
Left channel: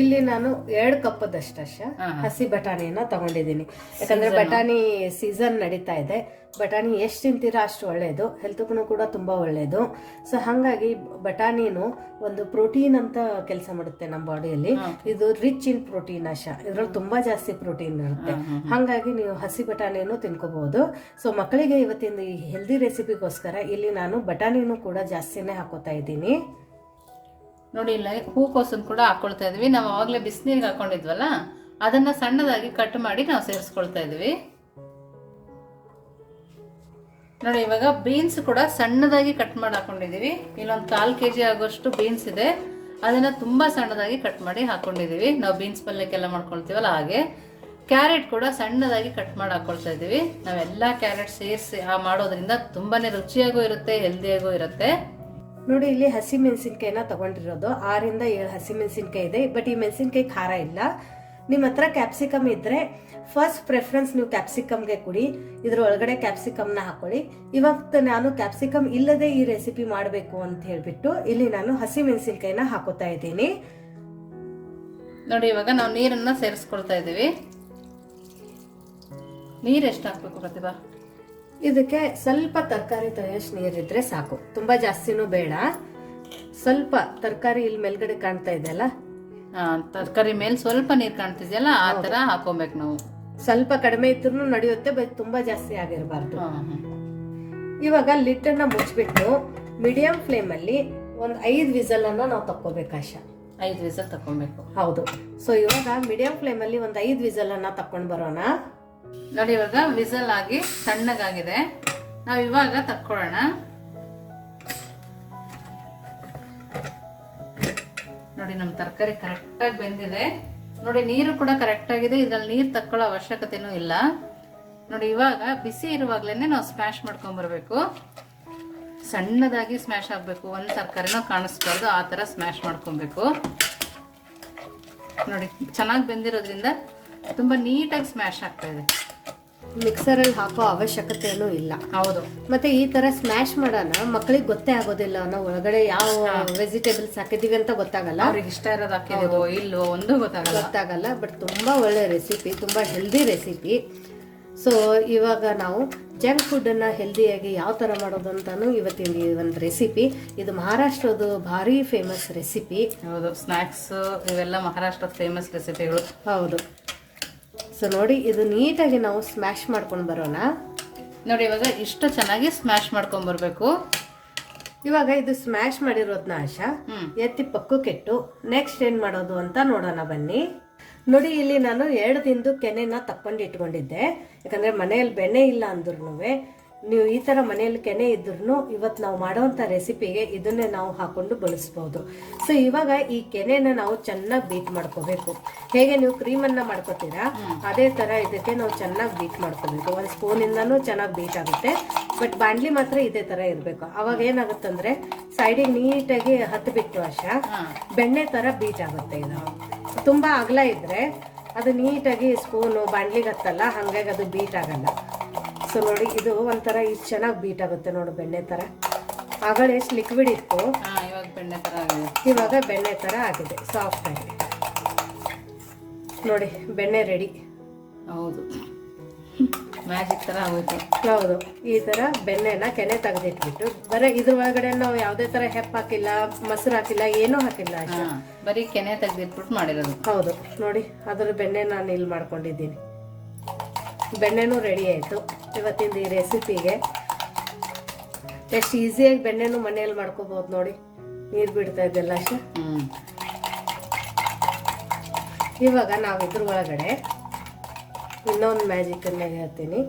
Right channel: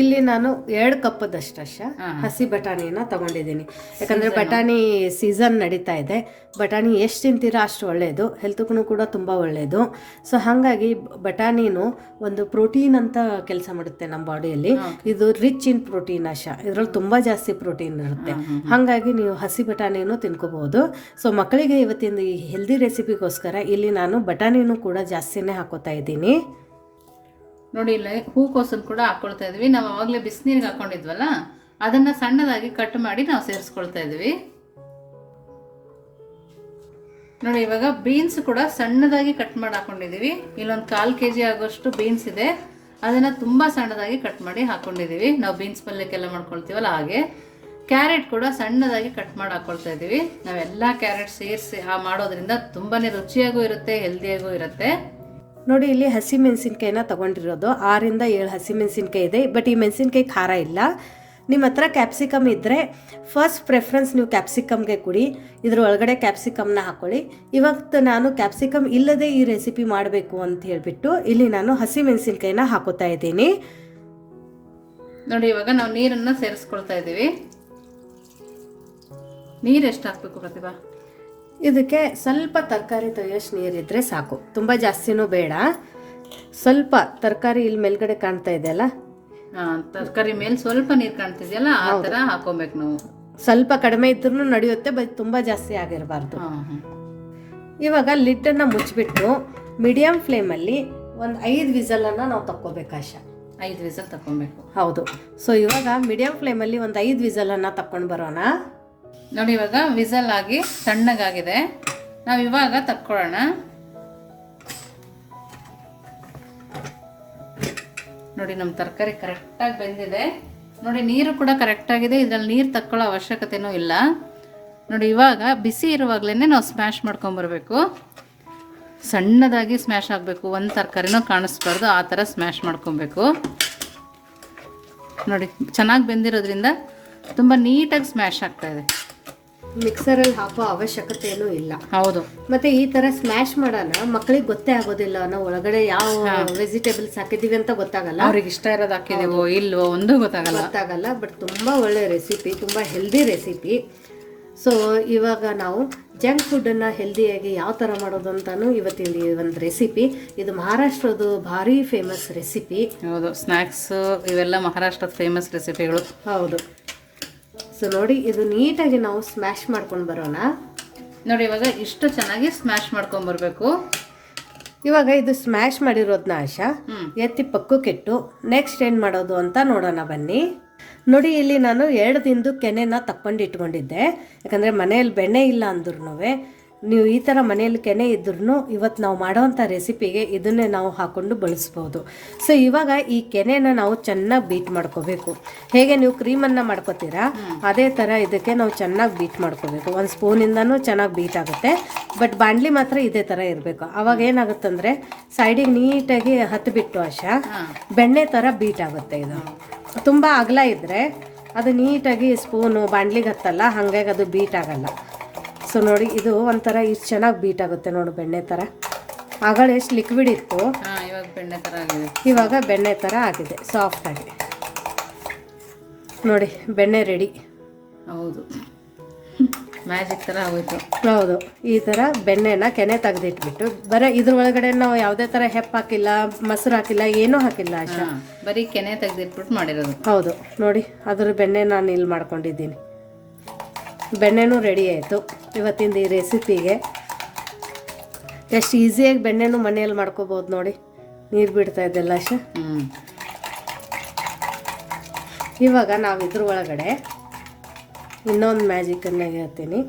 ಇಲ್ಲಿ ನಾನು ಎರಡು ಕಪ್ಪದಷ್ಟು ಹಾ. ಹಸಿ ಬಟಾಣಿನ ತಗೊಂಡಿದ್ದೀನಿ. ಯಾಕಂದ್ರೆ ಬಟಾಣಿ ಸೀಸನ್ ನಡೀತಾ ಇದೆ. ಬಟಾಣಿ ಎಷ್ಟು ತಿಂತೀರೋ ಅಷ್ಟು ಒಳ್ಳೆಯದು ಹೆಲ್ತ್ಗೂ ಕೂಡ ತುಂಬ ಒಳ್ಳೆಯದು ಸೊ ಹಾಗಾಗಿ ಬಟಾಣಿನು ಒಂದು ಪ್ರೋಟೀನ್ ಅಂತ ಕೆಲಸ ಮಾಡುತ್ತೆ ನಮ್ಮ ಬಾಡಿಯಲ್ಲಿ. ಇದು ರಿಚ್ ಇನ್ ಪ್ರೋಟೀನ್ ಅಶ ಇದ್ರಲ್ಲಿ ತುಂಬ ಜಾಸ್ತಿ ಪ್ರೋಟೀನ್ ಇರುತ್ತೆ. ಹಾಗಾಗಿ ನೀವು ಹಸಿ ಬಟಾಣಿನೂ ತಿನ್ಕೋಬಹುದು. ಸೊ ಮಕ್ಕಳಿಗೆ ಇವತ್ತಿನ ಈ ಹೆಲ್ದಿ ರೆಸಿಪಿಗೋಸ್ಕರ ಇಲ್ಲಿ ನಾನು ಬಟಾಣಿನೂ ಕೂಡ ಜಾಸ್ತಿನೇ ಹಾಕೋತಾ ಇದ್ದೀನಿ. ನೋಡಿ, ಇಲ್ಲ ಹೂಕೋಸನ್ನು ಕೂಡ ಹಾಕ್ಕೊಳ್ತಾ ಇದ್ವಿ. ನಾವು ಆವಾಗಲೇ ಬಿಸಿನೀರಿಗೆ ಹಾಕೊಂಡಿದ್ವಲ್ಲ, ಅದನ್ನು ಸಣ್ಣದಾಗಿ ಕಟ್ ಮಾಡಿ ನಾವು ಸೇರಿಸ್ಕೊಳ್ತಾ ಇದ್ವಿ. ನೋಡಿ, ಇವಾಗ ಬೀನ್ಸ್ ಕೂಡ ಸಣ್ಣದಾಗಿ ಕಟ್ ಮಾಡಿ ಹಾಕೊಂಡಿದೀವಿ ಇಲ್ಲೊಂದು ಕಾಲು ಕೆ ಜಿ ಆಗೋಷ್ಟು ಬೀನ್ಸ್ ಇದೆ. ಅದನ್ನ ತುಂಬಾ ಸಣ್ಣದಾಗಿ ಕಟ್ ಮಾಡಿ ಹಾಕೊಂಡಿದೀವಿ ನಾವು ಬೀನ್ಸ್ ಪಲ್ಯಕ್ಕೆಲ್ಲ ಮಾಡ್ಕೊಳ್ತೀವಲ್ಲ ಹಾಗೆ. ಕ್ಯಾರೆಟ್ ಕೂಡ ಸಣ್ಣದಾಗಿ ಕಟ್ ಮಾಡಿ ಹಾಕ್ಕೊಳ್ತಾ ಇದೀವಿ ನಾವೆಲ್ಲ ಕ್ಯಾರೆಟ್ ಸೇರಿಸಿ ಮಾಡೋದ್ರಿಂದ ತುಂಬಾನೇ ರುಚಿಯಾಗೂ ಇರುತ್ತೆ ಹೆಲ್ದಿಯಾಗೂ ಇರುತ್ತೆ. ನೋಡಿ, ಇಲ್ಲಿ ಹಸಿ ಮೆಣಸಿನ್ಕಾಯಿನ ತಗೊಂಡಿರೋದು. ಆರಿಂದ ಏಳು ಹಸಿ ಮೆಣಸಿನ್ಕಾಯಿ ಇದೆ. ಬಟ್ ಈ ಮೆಣಸಿನ್ಕಾಯಿ ಖಾರ ಇಲ್ಲ. ನಿಮ್ಮ ಹತ್ರ ಕ್ಯಾಪ್ಸಿಕಮ್ ಇದ್ದರೆ ಫಸ್ಟ್ ಪ್ರೆಫರೆನ್ಸ್ ನೀವು ಕ್ಯಾಪ್ಸಿಕಮ್ಗೆ ಕೊಡಿ. ಇದ್ರ ಒಳಗಡೆ ಕ್ಯಾಪ್ಸಿಕಮ್ನ ಹಾಕೊಳ್ಳಿ. ಇವತ್ತು ನಾನು ಕ್ಯಾಪ್ಸಿಕಮ್ ಇಲ್ಲದೆ ಈ ರೆಸಿಪಿ ಮಾಡಬೇಕು ಅಂತ ಹೇಳಿಬಿಟ್ಟು ಇಲ್ಲಿ ನಾನು ಹಸಿ ಮೆಣಸಿನ್ಕಾಯಿನ ಹಾಕೋತಾ ಇದ್ದೀನಿ. ನೋಡಿ, ಇವಾಗ ನಾವು ನೀರನ್ನು ಸೇರಿಸ್ಕೊಳ್ತಾ ಇದ್ದೀವಿ. ನೀರು ಎಷ್ಟು ಹಾಕಬೇಕು ಪ್ರತಿಭಾ? ಇದಕ್ಕೆ ಸ್ವಲ್ಪ ತರಕಾರಿ ತೊಳೆಯೋಷ್ಟು ನೀರಿದ್ರೆ ಸಾಕು. ತುಂಬ ಜಾಸ್ತಿನೂ ಬೇಡ. ಸ್ವಲ್ಪ ತರಕಾರಿ ಇಲ್ಲಿ ಮೇಲ್ಗಡೆ ಕಾಣ್ತಾ ಇದೆಯಲ್ಲ? ಅಲ್ಲ ತರಕಾರಿ ಮೇಲೆ ಸ್ವಲ್ಪ ನೀರು ಕಾಣ್ತಿದೆಯಲ್ಲ ಆ ಥರ ಹಾಕೋಬೇಕು ನಾವು. ಸ್ವಲ್ಪ ಕಡಿಮೆ ಇದ್ರೂ ನಡೆಯುತ್ತೆ ಬಟ್ ತುಂಬ ಜಾಸ್ತಿ ಆಗಿರಬಾರ್ದು. ಇವಾಗ ಲಿಡ್ಡನ್ನು ಮುಚ್ಚಿಬಿಟ್ಟು ಮೀಡಿಯಂ ಫ್ಲೇಮಲ್ಲಿ ಒಂದು ಐದು ವಿಸಲನ್ನು ನಾವು ತಕ್ಕೋಬೇಕು ಆಶಾ. ಐದು ವಿಸಲ್ ತಗೊಬೇಕು ಹೌದು. ಸೊ ಇವಾಗ ಮೀಡಿಯಂ ಫ್ಲೇಮಲ್ಲಿ ಒಂದು ಐದು ವಿಸಲನ್ನು ತಕೊಂಡು ಬರೋಣ. ನೋಡಿ, ಇವಾಗ ವಿಸಲ್ ಆಗಿ ತಣ್ಣಗಾಗಿದೆ. ನಾವು ಇವಾಗ ತಕ್ಕೊಳ್ಳೋಣ ನೋಡಿ ನಮ್ಮ ತರಕಾರಿ ಕರೆಕ್ಟಾಗಿ ಬೆಂದಿದೆ. ನೋಡಿ, ನೀರು ಕೂಡ ಕರೆಕ್ಟಾಗಿದೆ ಇದ್ರಲ್ಲಿ ನೀರು ತಕ್ಕೊಳ್ಳೋ ಅವಶ್ಯಕತೆನೂ ಇಲ್ಲ. ನೋಡಿ, ಇವಾಗ ಬಿಸಿ ಇರುವಾಗಲೇ ನಾವು ಸ್ಮ್ಯಾಶ್ ಮಾಡ್ಕೊಂಬರ್ಬೇಕು ಸಣ್ಣದಾಗಿ ಸ್ಮ್ಯಾಶ್ ಆಗಬೇಕು. ಒಂದು ತರಕಾರಿನೂ ಕಾಣಿಸ್ಬಾರ್ದು. ಆ ಥರ ಸ್ಮ್ಯಾಶ್ ಮಾಡ್ಕೊಬೇಕು ನೋಡಿ, ಚೆನ್ನಾಗಿ ಬೆಂದಿರೋದ್ರಿಂದ ತುಂಬ ನೀಟಾಗಿ ಸ್ಮ್ಯಾಶ್ ಆಗ್ತಾ ಇದೆ. ಮಿಕ್ಸರಲ್ಲಿ ಹಾಕೋ ಅವಶ್ಯಕತೆ ಏನೂ ಇಲ್ಲ. ಹೌದು. ಮತ್ತೆ ಈ ತರ ಸ್ಮ್ಯಾಶ್ ಮಾಡೋಣ ಮಕ್ಕಳಿಗೆ ಗೊತ್ತೇ ಆಗೋದಿಲ್ಲ ನಾವು ಒಳಗಡೆ ಯಾವ ವೆಜಿಟೇಬಲ್ಸ್ ಹಾಕಿದೀವಿ ಅಂತ ಗೊತ್ತಾಗಲ್ಲ. ಅವ್ರಿಗೆ ಇಷ್ಟ ಇರೋದು ಹಾಕಿದೀವೋ ಇಲ್ವೋ ಒಂದು ಗೊತ್ತಾಗಲ್ಲ. ಗೊತ್ತಾಗಲ್ಲ ಬಟ್ ತುಂಬಾ ಒಳ್ಳೆ ರೆಸಿಪಿ ತುಂಬಾ ಹೆಲ್ದಿ ರೆಸಿಪಿ ಸೊ ಇವಾಗ ನಾವು ಜಂಕ್ ಫುಡ್ಡನ್ನು ಹೆಲ್ದಿಯಾಗಿ ಯಾವ ಥರ ಮಾಡೋದು ಅಂತಾನು ಇವತ್ತಿನ ಈ ಒಂದು ರೆಸಿಪಿ ಇದು ಮಹಾರಾಷ್ಟ್ರದ್ದು ಭಾರಿ ಫೇಮಸ್ ರೆಸಿಪಿ ಹೌದು ಸ್ನ್ಯಾಕ್ಸ್ ಇವೆಲ್ಲ ಮಹಾರಾಷ್ಟ್ರದ ಫೇಮಸ್ ರೆಸಿಪಿಗಳು ಹೌದು. ಸೊ ನೋಡಿ ಇದು ನೀಟಾಗಿ ನಾವು ಸ್ಮ್ಯಾಶ್ ಮಾಡ್ಕೊಂಡು ಬರೋಣ. ನೋಡಿ ಇವಾಗ ಇಷ್ಟು ಚೆನ್ನಾಗಿ ಸ್ಮ್ಯಾಶ್ ಮಾಡ್ಕೊಂಡು ಬರಬೇಕು. ಇವಾಗ ಇದು ಸ್ಮ್ಯಾಶ್ ಮಾಡಿರೋದನ್ನ ಆಶಾ ಎತ್ತಿ ಪಕ್ಕಕ್ಕಿಟ್ಟು ನೆಕ್ಸ್ಟ್ ಏನು ಮಾಡೋದು ಅಂತ ನೋಡೋಣ ಬನ್ನಿ. ನೋಡಿ ಇಲ್ಲಿ ನಾನು ಎರಡು ದಿನದ ಕೆನೆನ ತಕ್ಕೊಂಡು ಇಟ್ಕೊಂಡಿದ್ದೆ. ಯಾಕಂದರೆ ಮನೆಯಲ್ಲಿ ಬೆಣ್ಣೆ ಇಲ್ಲ ಅಂದ್ರೂ ನೀವು ಈ ಥರ ಮನೆಯಲ್ಲಿ ಕೆನೆ ಇದ್ರೂ ಇವತ್ತು ನಾವು ಮಾಡೋವಂಥ ರೆಸಿಪಿಗೆ ಇದನ್ನೇ ನಾವು ಹಾಕ್ಕೊಂಡು ಬಳಸ್ಬೋದು. ಸೊ ಇವಾಗ ಈ ಕೆನೆನ ನಾವು ಚೆನ್ನಾಗಿ ಬೀಟ್ ಮಾಡ್ಕೋಬೇಕು. ಹೇಗೆ ನೀವು ಕ್ರೀಮನ್ನು ಮಾಡ್ಕೋತೀರಾ? ಅದೇ ಥರ ಇದಕ್ಕೆ ನಾವು ಚೆನ್ನಾಗಿ ಬೀಟ್ ಮಾಡ್ಕೋಬೇಕು. ಒಂದು ಸ್ಪೂನಿಂದನೂ ಚೆನ್ನಾಗಿ ಬೀಟ್ ಆಗುತ್ತೆ. ಬಟ್ ಬಾಣಲಿ ಮಾತ್ರ ಇದೇ ಥರ ಇರಬೇಕು. ಅವಾಗ ಏನಾಗುತ್ತಂದರೆ ಸೈಡಿಗೆ ನೀಟಾಗಿ ಹತ್ತು ಬಿಟ್ಟು ವಶ ಬೆಣ್ಣೆ ಥರ ಬೀಟ್ ಆಗುತ್ತೆ ಇದು. ತುಂಬ ಅಗಲ ಇದ್ದರೆ ಅದು ನೀಟಾಗಿ ಸ್ಪೂನು ಬಾಣ್ಲಿಗೆ ಹತ್ತಲ್ಲ ಹಾಗಾಗಿ ಅದು ಬೀಟ್ ಆಗಲ್ಲ. ಸೊ ನೋಡಿ ಇದು ಒಂಥರ ಇಷ್ಟು ಚೆನ್ನಾಗಿ ಬೀಟ್ ಆಗುತ್ತೆ ನೋಡಿ ಬೆಣ್ಣೆ ಥರ ಆಗಳ ಎಷ್ಟು ಲಿಕ್ವಿಡ್ ಇತ್ತು? ಹಾಂ ಇವಾಗ ಬೆಣ್ಣೆ ಥರ ಆಗಿದೆ. ಇವಾಗ ಬೆಣ್ಣೆ ಥರ ಆಗಿದೆ ಸಾಫ್ಟ್ ಆಗಿದೆ. ನೋಡಿ ಬೆಣ್ಣೆ ರೆಡಿ ಹೌದು. ಮ್ಯಾಜಿಕ್ ಥರ ಆಗುತ್ತೆ ಹೌದು ಈ ಥರ ಬೆಣ್ಣೆನ ಕೆನೆ ತೆಗೆದಿಟ್ಬಿಟ್ಟು ಬರೀ ಇದ್ರ ಒಳಗಡೆ ನಾವು ಯಾವುದೇ ಥರ ಹೆಪ್ಪು ಹಾಕಿಲ್ಲ ಮೊಸರು ಹಾಕಿಲ್ಲ ಏನೂ ಹಾಕಿಲ್ಲ ಅಷ್ಟೇ ಬರೀ ಕೆನೆ ತೆಗೆದಿಟ್ಬಿಟ್ಟು ಮಾಡಿರೋದು. ಹೌದು ನೋಡಿ ಅದ್ರ ಬೆಣ್ಣೆ ನಾನು ಇಲ್ಲಿ ಮಾಡ್ಕೊಂಡಿದ್ದೀನಿ. ಬೆಣ್ಣೆನೂ ರೆಡಿ ಆಯಿತು. ಇವತ್ತಿಂದ ಈ ರೆಸಿಪಿಗೆ ಎಷ್ಟು ಈಸಿಯಾಗಿ ಬೆಣ್ಣೆನೂ ಮನೆಯಲ್ಲಿ ಮಾಡ್ಕೋಬೋದು ನೋಡಿ. ನೀರು ಬಿಡ್ತಾ ಇದೆಲ್ಲ ಹ್ಞೂ ಇವಾಗ ನಾವು ಇದ್ರ ಒಳಗಡೆ ಇನ್ನೊಂದು ಮ್ಯಾಜಿಕನ್ನು ಹೇಳ್ತೀನಿ.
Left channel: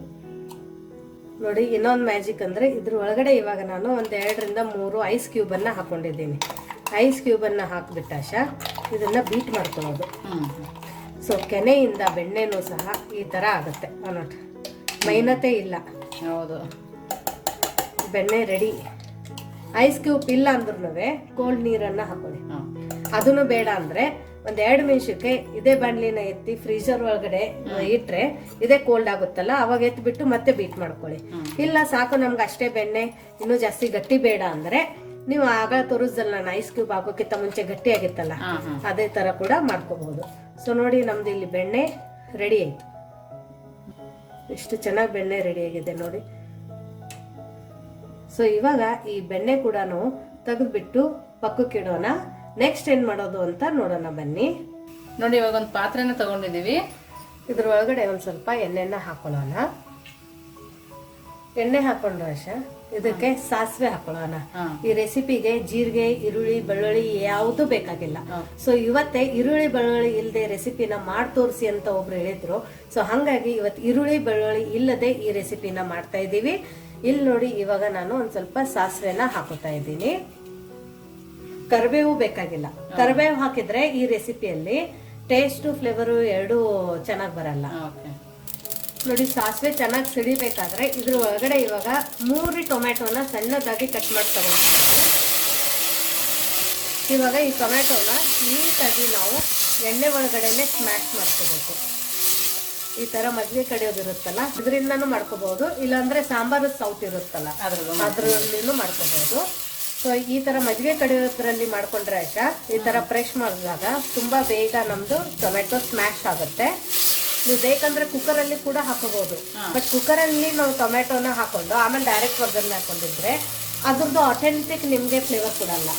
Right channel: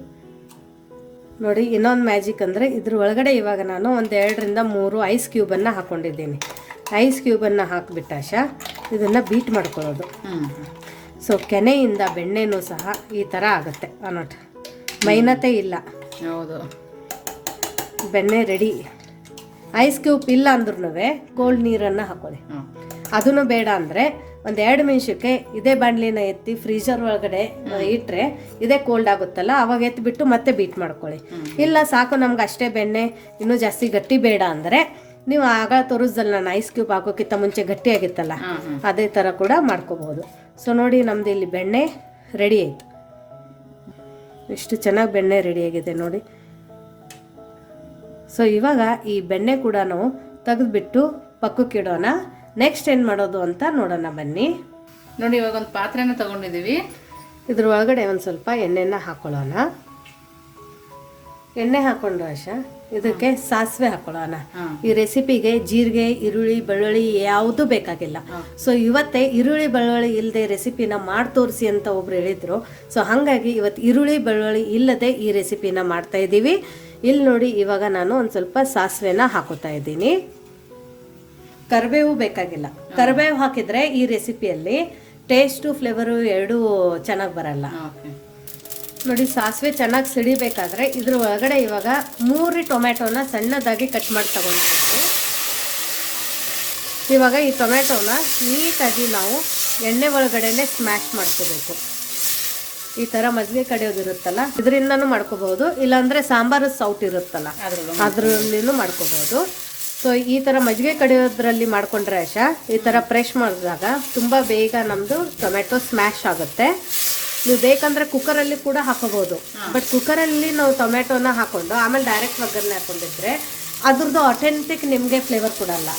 ನೋಡಿ ಇನ್ನೊಂದು ಮ್ಯಾಜಿಕ್ ಅಂದರೆ ಇದ್ರ ಒಳಗಡೆ ಇವಾಗ ನಾನು ಒಂದು ಎರಡರಿಂದ ಮೂರು ಐಸ್ ಕ್ಯೂಬನ್ನು ಹಾಕ್ಕೊಂಡಿದ್ದೀನಿ ಐಸ್ ಕ್ಯೂಬನ್ನು ಹಾಕಿಬಿಟ್ಟಾಶ ಇದನ್ನು ಬೀಟ್ ಮಾಡ್ಕೊಳ್ಳೋದು. ಹ್ಞೂ ಸೊ ಕೆನೆಯಿಂದ ಬೆಣ್ಣೆನೂ ಸಹ ಈ ಥರ ಆಗುತ್ತೆ ಅನ್ನೋಟ್ ಮೈನತೆ ಇಲ್ಲ. ಹೌದು. ಬೆಣ್ಣೆ ರೆಡಿ ಐಸ್ ಕ್ಯೂಬ್ ಇಲ್ಲ ಅಂದ್ರೂ ಕೋಲ್ಡ್ ನೀರನ್ನು ಹಾಕೊಳ್ಳಿ. ಅದನ್ನು ಬೇಡ ಅಂದರೆ ಒಂದು ಎರಡು ನಿಮಿಷಕ್ಕೆ ಇದೇ ಬಾಣಲಿನ ಎತ್ತಿ ಫ್ರೀಜರ್ ಒಳಗಡೆ ಇಟ್ಟರೆ ಇದೇ ಕೋಲ್ಡ್ ಆಗುತ್ತಲ್ಲ ಅವಾಗ ಎತ್ತಿಬಿಟ್ಟು ಮತ್ತೆ ಬೀಟ್ ಮಾಡ್ಕೊಳ್ಳಿ. ಇಲ್ಲ ಸಾಕು ನಮ್ಗೆ ಅಷ್ಟೇ ಬೆಣ್ಣೆ ಇನ್ನೂ ಜಾಸ್ತಿ ಗಟ್ಟಿ ಬೇಡ ಅಂದರೆ ನೀವು ಆಗ ತೋರಿಸ್ದಲ್ಲ ನಾನು ಐಸ್ ಕ್ಯೂಬ್ ಹಾಕೋಕ್ಕಿಂತ ಮುಂಚೆ ಗಟ್ಟಿ ಆಗಿತ್ತಲ್ಲ ಹಾಂ ಹಾಂ ಅದೇ ಥರ ಕೂಡ ಮಾಡ್ಕೋಬೋದು. ಸೊ ನೋಡಿ ನಮ್ದು ಇಲ್ಲಿ ಬೆಣ್ಣೆ ರೆಡಿ ಆಯಿತು. ಎಷ್ಟು ಚೆನ್ನಾಗಿ ಬೆಣ್ಣೆ ರೆಡಿಯಾಗಿದೆ ನೋಡಿ. ಸೊ ಇವಾಗ ಈ ಬೆಣ್ಣೆ ಕೂಡ ನಾವು ತೆಗೆದುಬಿಟ್ಟು ಪಕ್ಕಕ್ಕೆ ಇಡೋಣ. ನೆಕ್ಸ್ಟ್ ಏನು ಮಾಡೋದು ಅಂತ ನೋಡೋಣ ಬನ್ನಿ. ನೋಡಿ ಇವಾಗ ಒಂದು ಪಾತ್ರೆನ ತಗೊಂಡಿದ್ದೀವಿ. ಇದ್ರ ಒಳಗಡೆ ಒಂದು ಸ್ವಲ್ಪ ಎಣ್ಣೆನ ಹಾಕೊಳ್ಳೋಣ. ಎಣ್ಣೆ ಹಾಕೊಂಡು ಆಶಾ ಇದಕ್ಕೆ ಸಾಸಿವೆ ಹಾಕೊಳ್ಳೋಣ. ಈ ರೆಸಿಪಿಗೆ ಜೀರಿಗೆ ಈರುಳ್ಳಿ ಬೆಳ್ಳುಳ್ಳಿ ಯಾವುದು ಬೇಕಾಗಿಲ್ಲ. ಸೊ ಇವತ್ತೇ ಈರುಳ್ಳಿ ಬೆಳ್ಳುಳ್ಳಿ ಇಲ್ಲದೆ ರೆಸಿಪಿನ ಮಾಡಿ ತೋರಿಸಿ ಅಂತ ಒಬ್ರು ಹೇಳಿದ್ರು. ಸೊ ಹಾಗಾಗಿ ಇವತ್ತು ಈರುಳ್ಳಿ ಬೆಳ್ಳುಳ್ಳಿ ಇಲ್ಲದೆ ಈ ರೆಸಿಪಿನ ಮಾಡ್ತಾ ಇದ್ದೀವಿ. ಇಲ್ಲಿ ನೋಡಿ ಇವಾಗ ನಾನು ಒಂದು ಸ್ವಲ್ಪ ಸಾಸಿವೆನ ಹಾಕೋತಾ ಇದ್ದೀನಿ. ಕರಿಬೇವು ಬೇಕಾಗಿಲ್ಲ. ಕರಿಬೇವು ಹಾಕಿದ್ರೆ ಈ ರೆಸಿಪಿಯಲ್ಲಿ ಟೇಸ್ಟು ಫ್ಲೇವರು ಎರಡೂ ಚೆನ್ನಾಗಿ ಬರಲ್ಲ. ನೋಡಿ ಸಾಸಿವೆ ಚೆನ್ನಾಗಿ ಸಿಡಿಬೇಕಾದ್ರೆ ಇದ್ರ ಒಳಗಡೆ ಇವಾಗ ಮೂರು ಟೊಮೆಟೊನ ಸಣ್ಣದಾಗಿ ಕಟ್ ಮಾಡಿ ತಗೊಂಡಿದ್ದೀವಿ. ಇವಾಗ ಈ ಟೊಮೆಟೊನ ನೀಟಾಗಿ ನಾವು ಎಣ್ಣೆ ಒಳಗಡೆನೆ ಸ್ಮ್ಯಾಶ್ ಮಾಡ್ಕೋಬೇಕು. ಈ ಥರ ಮಜ್ಜಿಗೆ ಕಡಿಯೋದಿರುತ್ತಲ್ಲ ಇದರಿಂದನೂ ಮಾಡ್ಕೋಬಹುದು. ಇಲ್ಲಾಂದರೆ ಸಾಂಬಾರು ಸೌಟ್ ಇರುತ್ತಲ್ಲ ಅದ್ರಲ್ಲೂ ಅದರಲ್ಲಿನೂ ಮಾಡ್ಕೋಬಹುದು. ಸೊ ಈ ಥರ ಮಜ್ಜಿಗೆ ಕಡಿಯೋದ್ರಲ್ಲಿ ಮಾಡ್ಕೊಂಡ್ರೆ ಆಶಾ ಈ ಥರ ಫ್ರೆಶ್ ಮಾಡಿದಾಗ ತುಂಬ ಬೇಗ ನಮ್ಮದು ಟೊಮೆಟೊ ಸ್ಮ್ಯಾಶ್ ಆಗುತ್ತೆ. ನೀವು ಬೇಕಂದ್ರೆ ಕುಕ್ಕರಲ್ಲಿ ಕೂಡ ಹಾಕೋಬಹುದು ಬಟ್ ಕುಕ್ಕರಲ್ಲಿ ನಾವು ಟೊಮೆಟೊನ ಹಾಕೊಂಡು ಆಮೇಲೆ ಡೈರೆಕ್ಟ್ ಒಗ್ಗರಣೆ ಹಾಕೊಂಡಿದ್ರೆ ಅದ್ರದ್ದು ಅಥೆಂಟಿಕ್ ನಿಮಗೆ ಫ್ಲೇವರ್ ಕೊಡಲ್ಲ.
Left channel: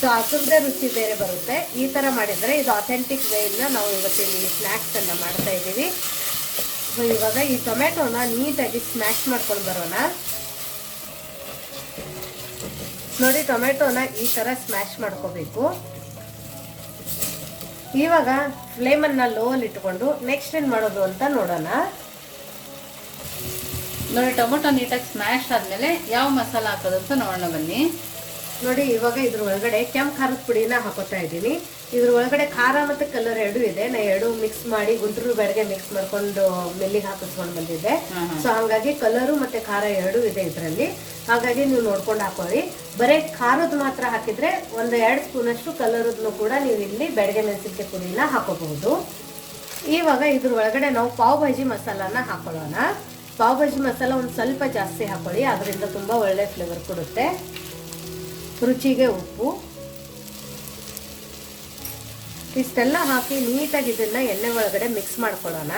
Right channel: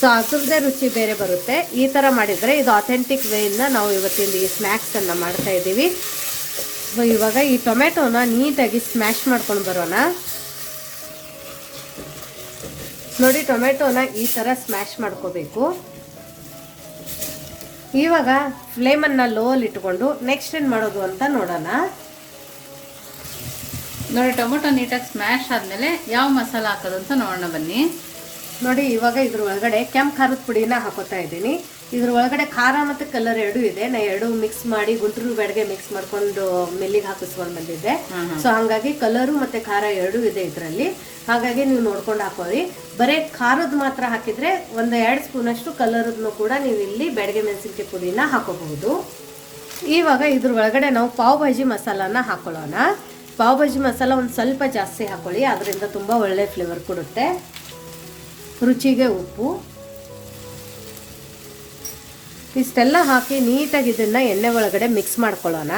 ಸೊ ಅದ್ರದ್ದೇ ರುಚಿ ಬೇರೆ ಬರುತ್ತೆ. ಈ ಥರ ಮಾಡಿದರೆ ಇದು ಅಥೆಂಟಿಕ್ ವೇಯಿಂದ ನಾವು ಇವತ್ತಿಲ್ಲಿ ಸ್ನಾಕ್ಸ್ ಸ್ನ್ಯಾಕ್ಸನ್ನು ಮಾಡ್ತಾ ಇದ್ದೀವಿ. ಸೊ ಇವಾಗ ಈ ಟೊಮೆಟೊನ ನೀಟಾಗಿ ಸ್ಮ್ಯಾಶ್ ಮಾಡ್ಕೊಂಡು ಬರೋಣ. ನೋಡಿ ಟೊಮೆಟೊನ ಈ ಥರ ಸ್ಮ್ಯಾಶ್ ಮಾಡ್ಕೋಬೇಕು. ಇವಾಗ ಫ್ಲೇಮನ್ನು ಲೋಲ್ ಇಟ್ಕೊಂಡು ನೆಕ್ಸ್ಟ್ ಏನು ಮಾಡೋದು ಅಂತ ನೋಡೋಣ. ನೋಡಿ ಟೊಮೊಟೊ ನೀಟಾಗಿ ಸ್ಮ್ಯಾಶ್ ಆದಮೇಲೆ ಯಾವ ಮಸಾಲ ಹಾಕೋದು ಅಂತ ನೋಡೋಣ ಬನ್ನಿ. ನೋಡಿ ಇವಾಗ ಇದ್ರ ಒಳಗಡೆ ಕೆಂಪು ಖಾರದ ಪುಡಿನ ಹಾಕೋತಾ ಇದ್ದೀನಿ. ಇದ್ರ ಒಳಗಡೆ ಖಾರ ಮತ್ತು ಕಲರ್ ಎರಡೂ ಇದೆ. ನಾ ಎರಡು ಮಿಕ್ಸ್ ಮಾಡಿ ಗುಂಟೂರು ಬೆಳಗ್ಗೆ ಮಿಕ್ಸ್ ಮಾಡ್ಕೊಂಡು ಮೆಲ್ಲಿಗೆ ಹಾಕಿಸ್ಕೊಂಡು ಬಂದಿದ್ದೆ. ಸೊ ಹಾಗಾಗಿ ಕಲರು ಮತ್ತು ಖಾರ ಎರಡೂ ಇದೆ ಇದರಲ್ಲಿ. ಹಾಗಾಗಿ ನೀವು ನೋಡ್ಕೊಂಡು ಹಾಕೋರಿ ಬರೀ ಖಾರದ ಮಾತ್ರ ಹಾಕಿದ್ರೆ ಒಂದು ಎರಡು ಸ್ಪೂನಷ್ಟು ಕಲರದನ್ನು ಕೂಡ ನೀವು ಇಲ್ಲಿ ಬೆಳಗ್ಗೆ ಮೆಣಸಿನ್ಕಾಯಿ ಪುಡಿನ ಹಾಕೋಬಹುದು. ಇವಾಗ ಇದ್ರ ಒಳಗಡೆ ನಾವು ಪಾವ್ ಭಾಜಿ ಮಸಾಲಾನ ಹಾಕೊಳ್ಳೋಣ. ಪಾವ್ ಭಾಜಿ ಮಸಾಲ ಒಂದು ಸ್ವಲ್ಪ ಜಾಸ್ತಿ ಹಾಕೊಳ್ಳಿ. ಅದರಿಂದ ತುಂಬ ಒಳ್ಳೆ ಫ್ಲೇವರ್ ಕೊಡುತ್ತೆ. ರುಚಿಗೆ ಉಪ್ಪು. ಇಷ್ಟೆಲ್ಲ ಹಾಕಿ ನೀಟಾಗಿ ಇದನ್ನ ಎಣ್ಣೆ ಒಳಗಡೆ ಮಿಕ್ಸ್ ಮಾಡ್ಕೊಳ್ಳೋಣ.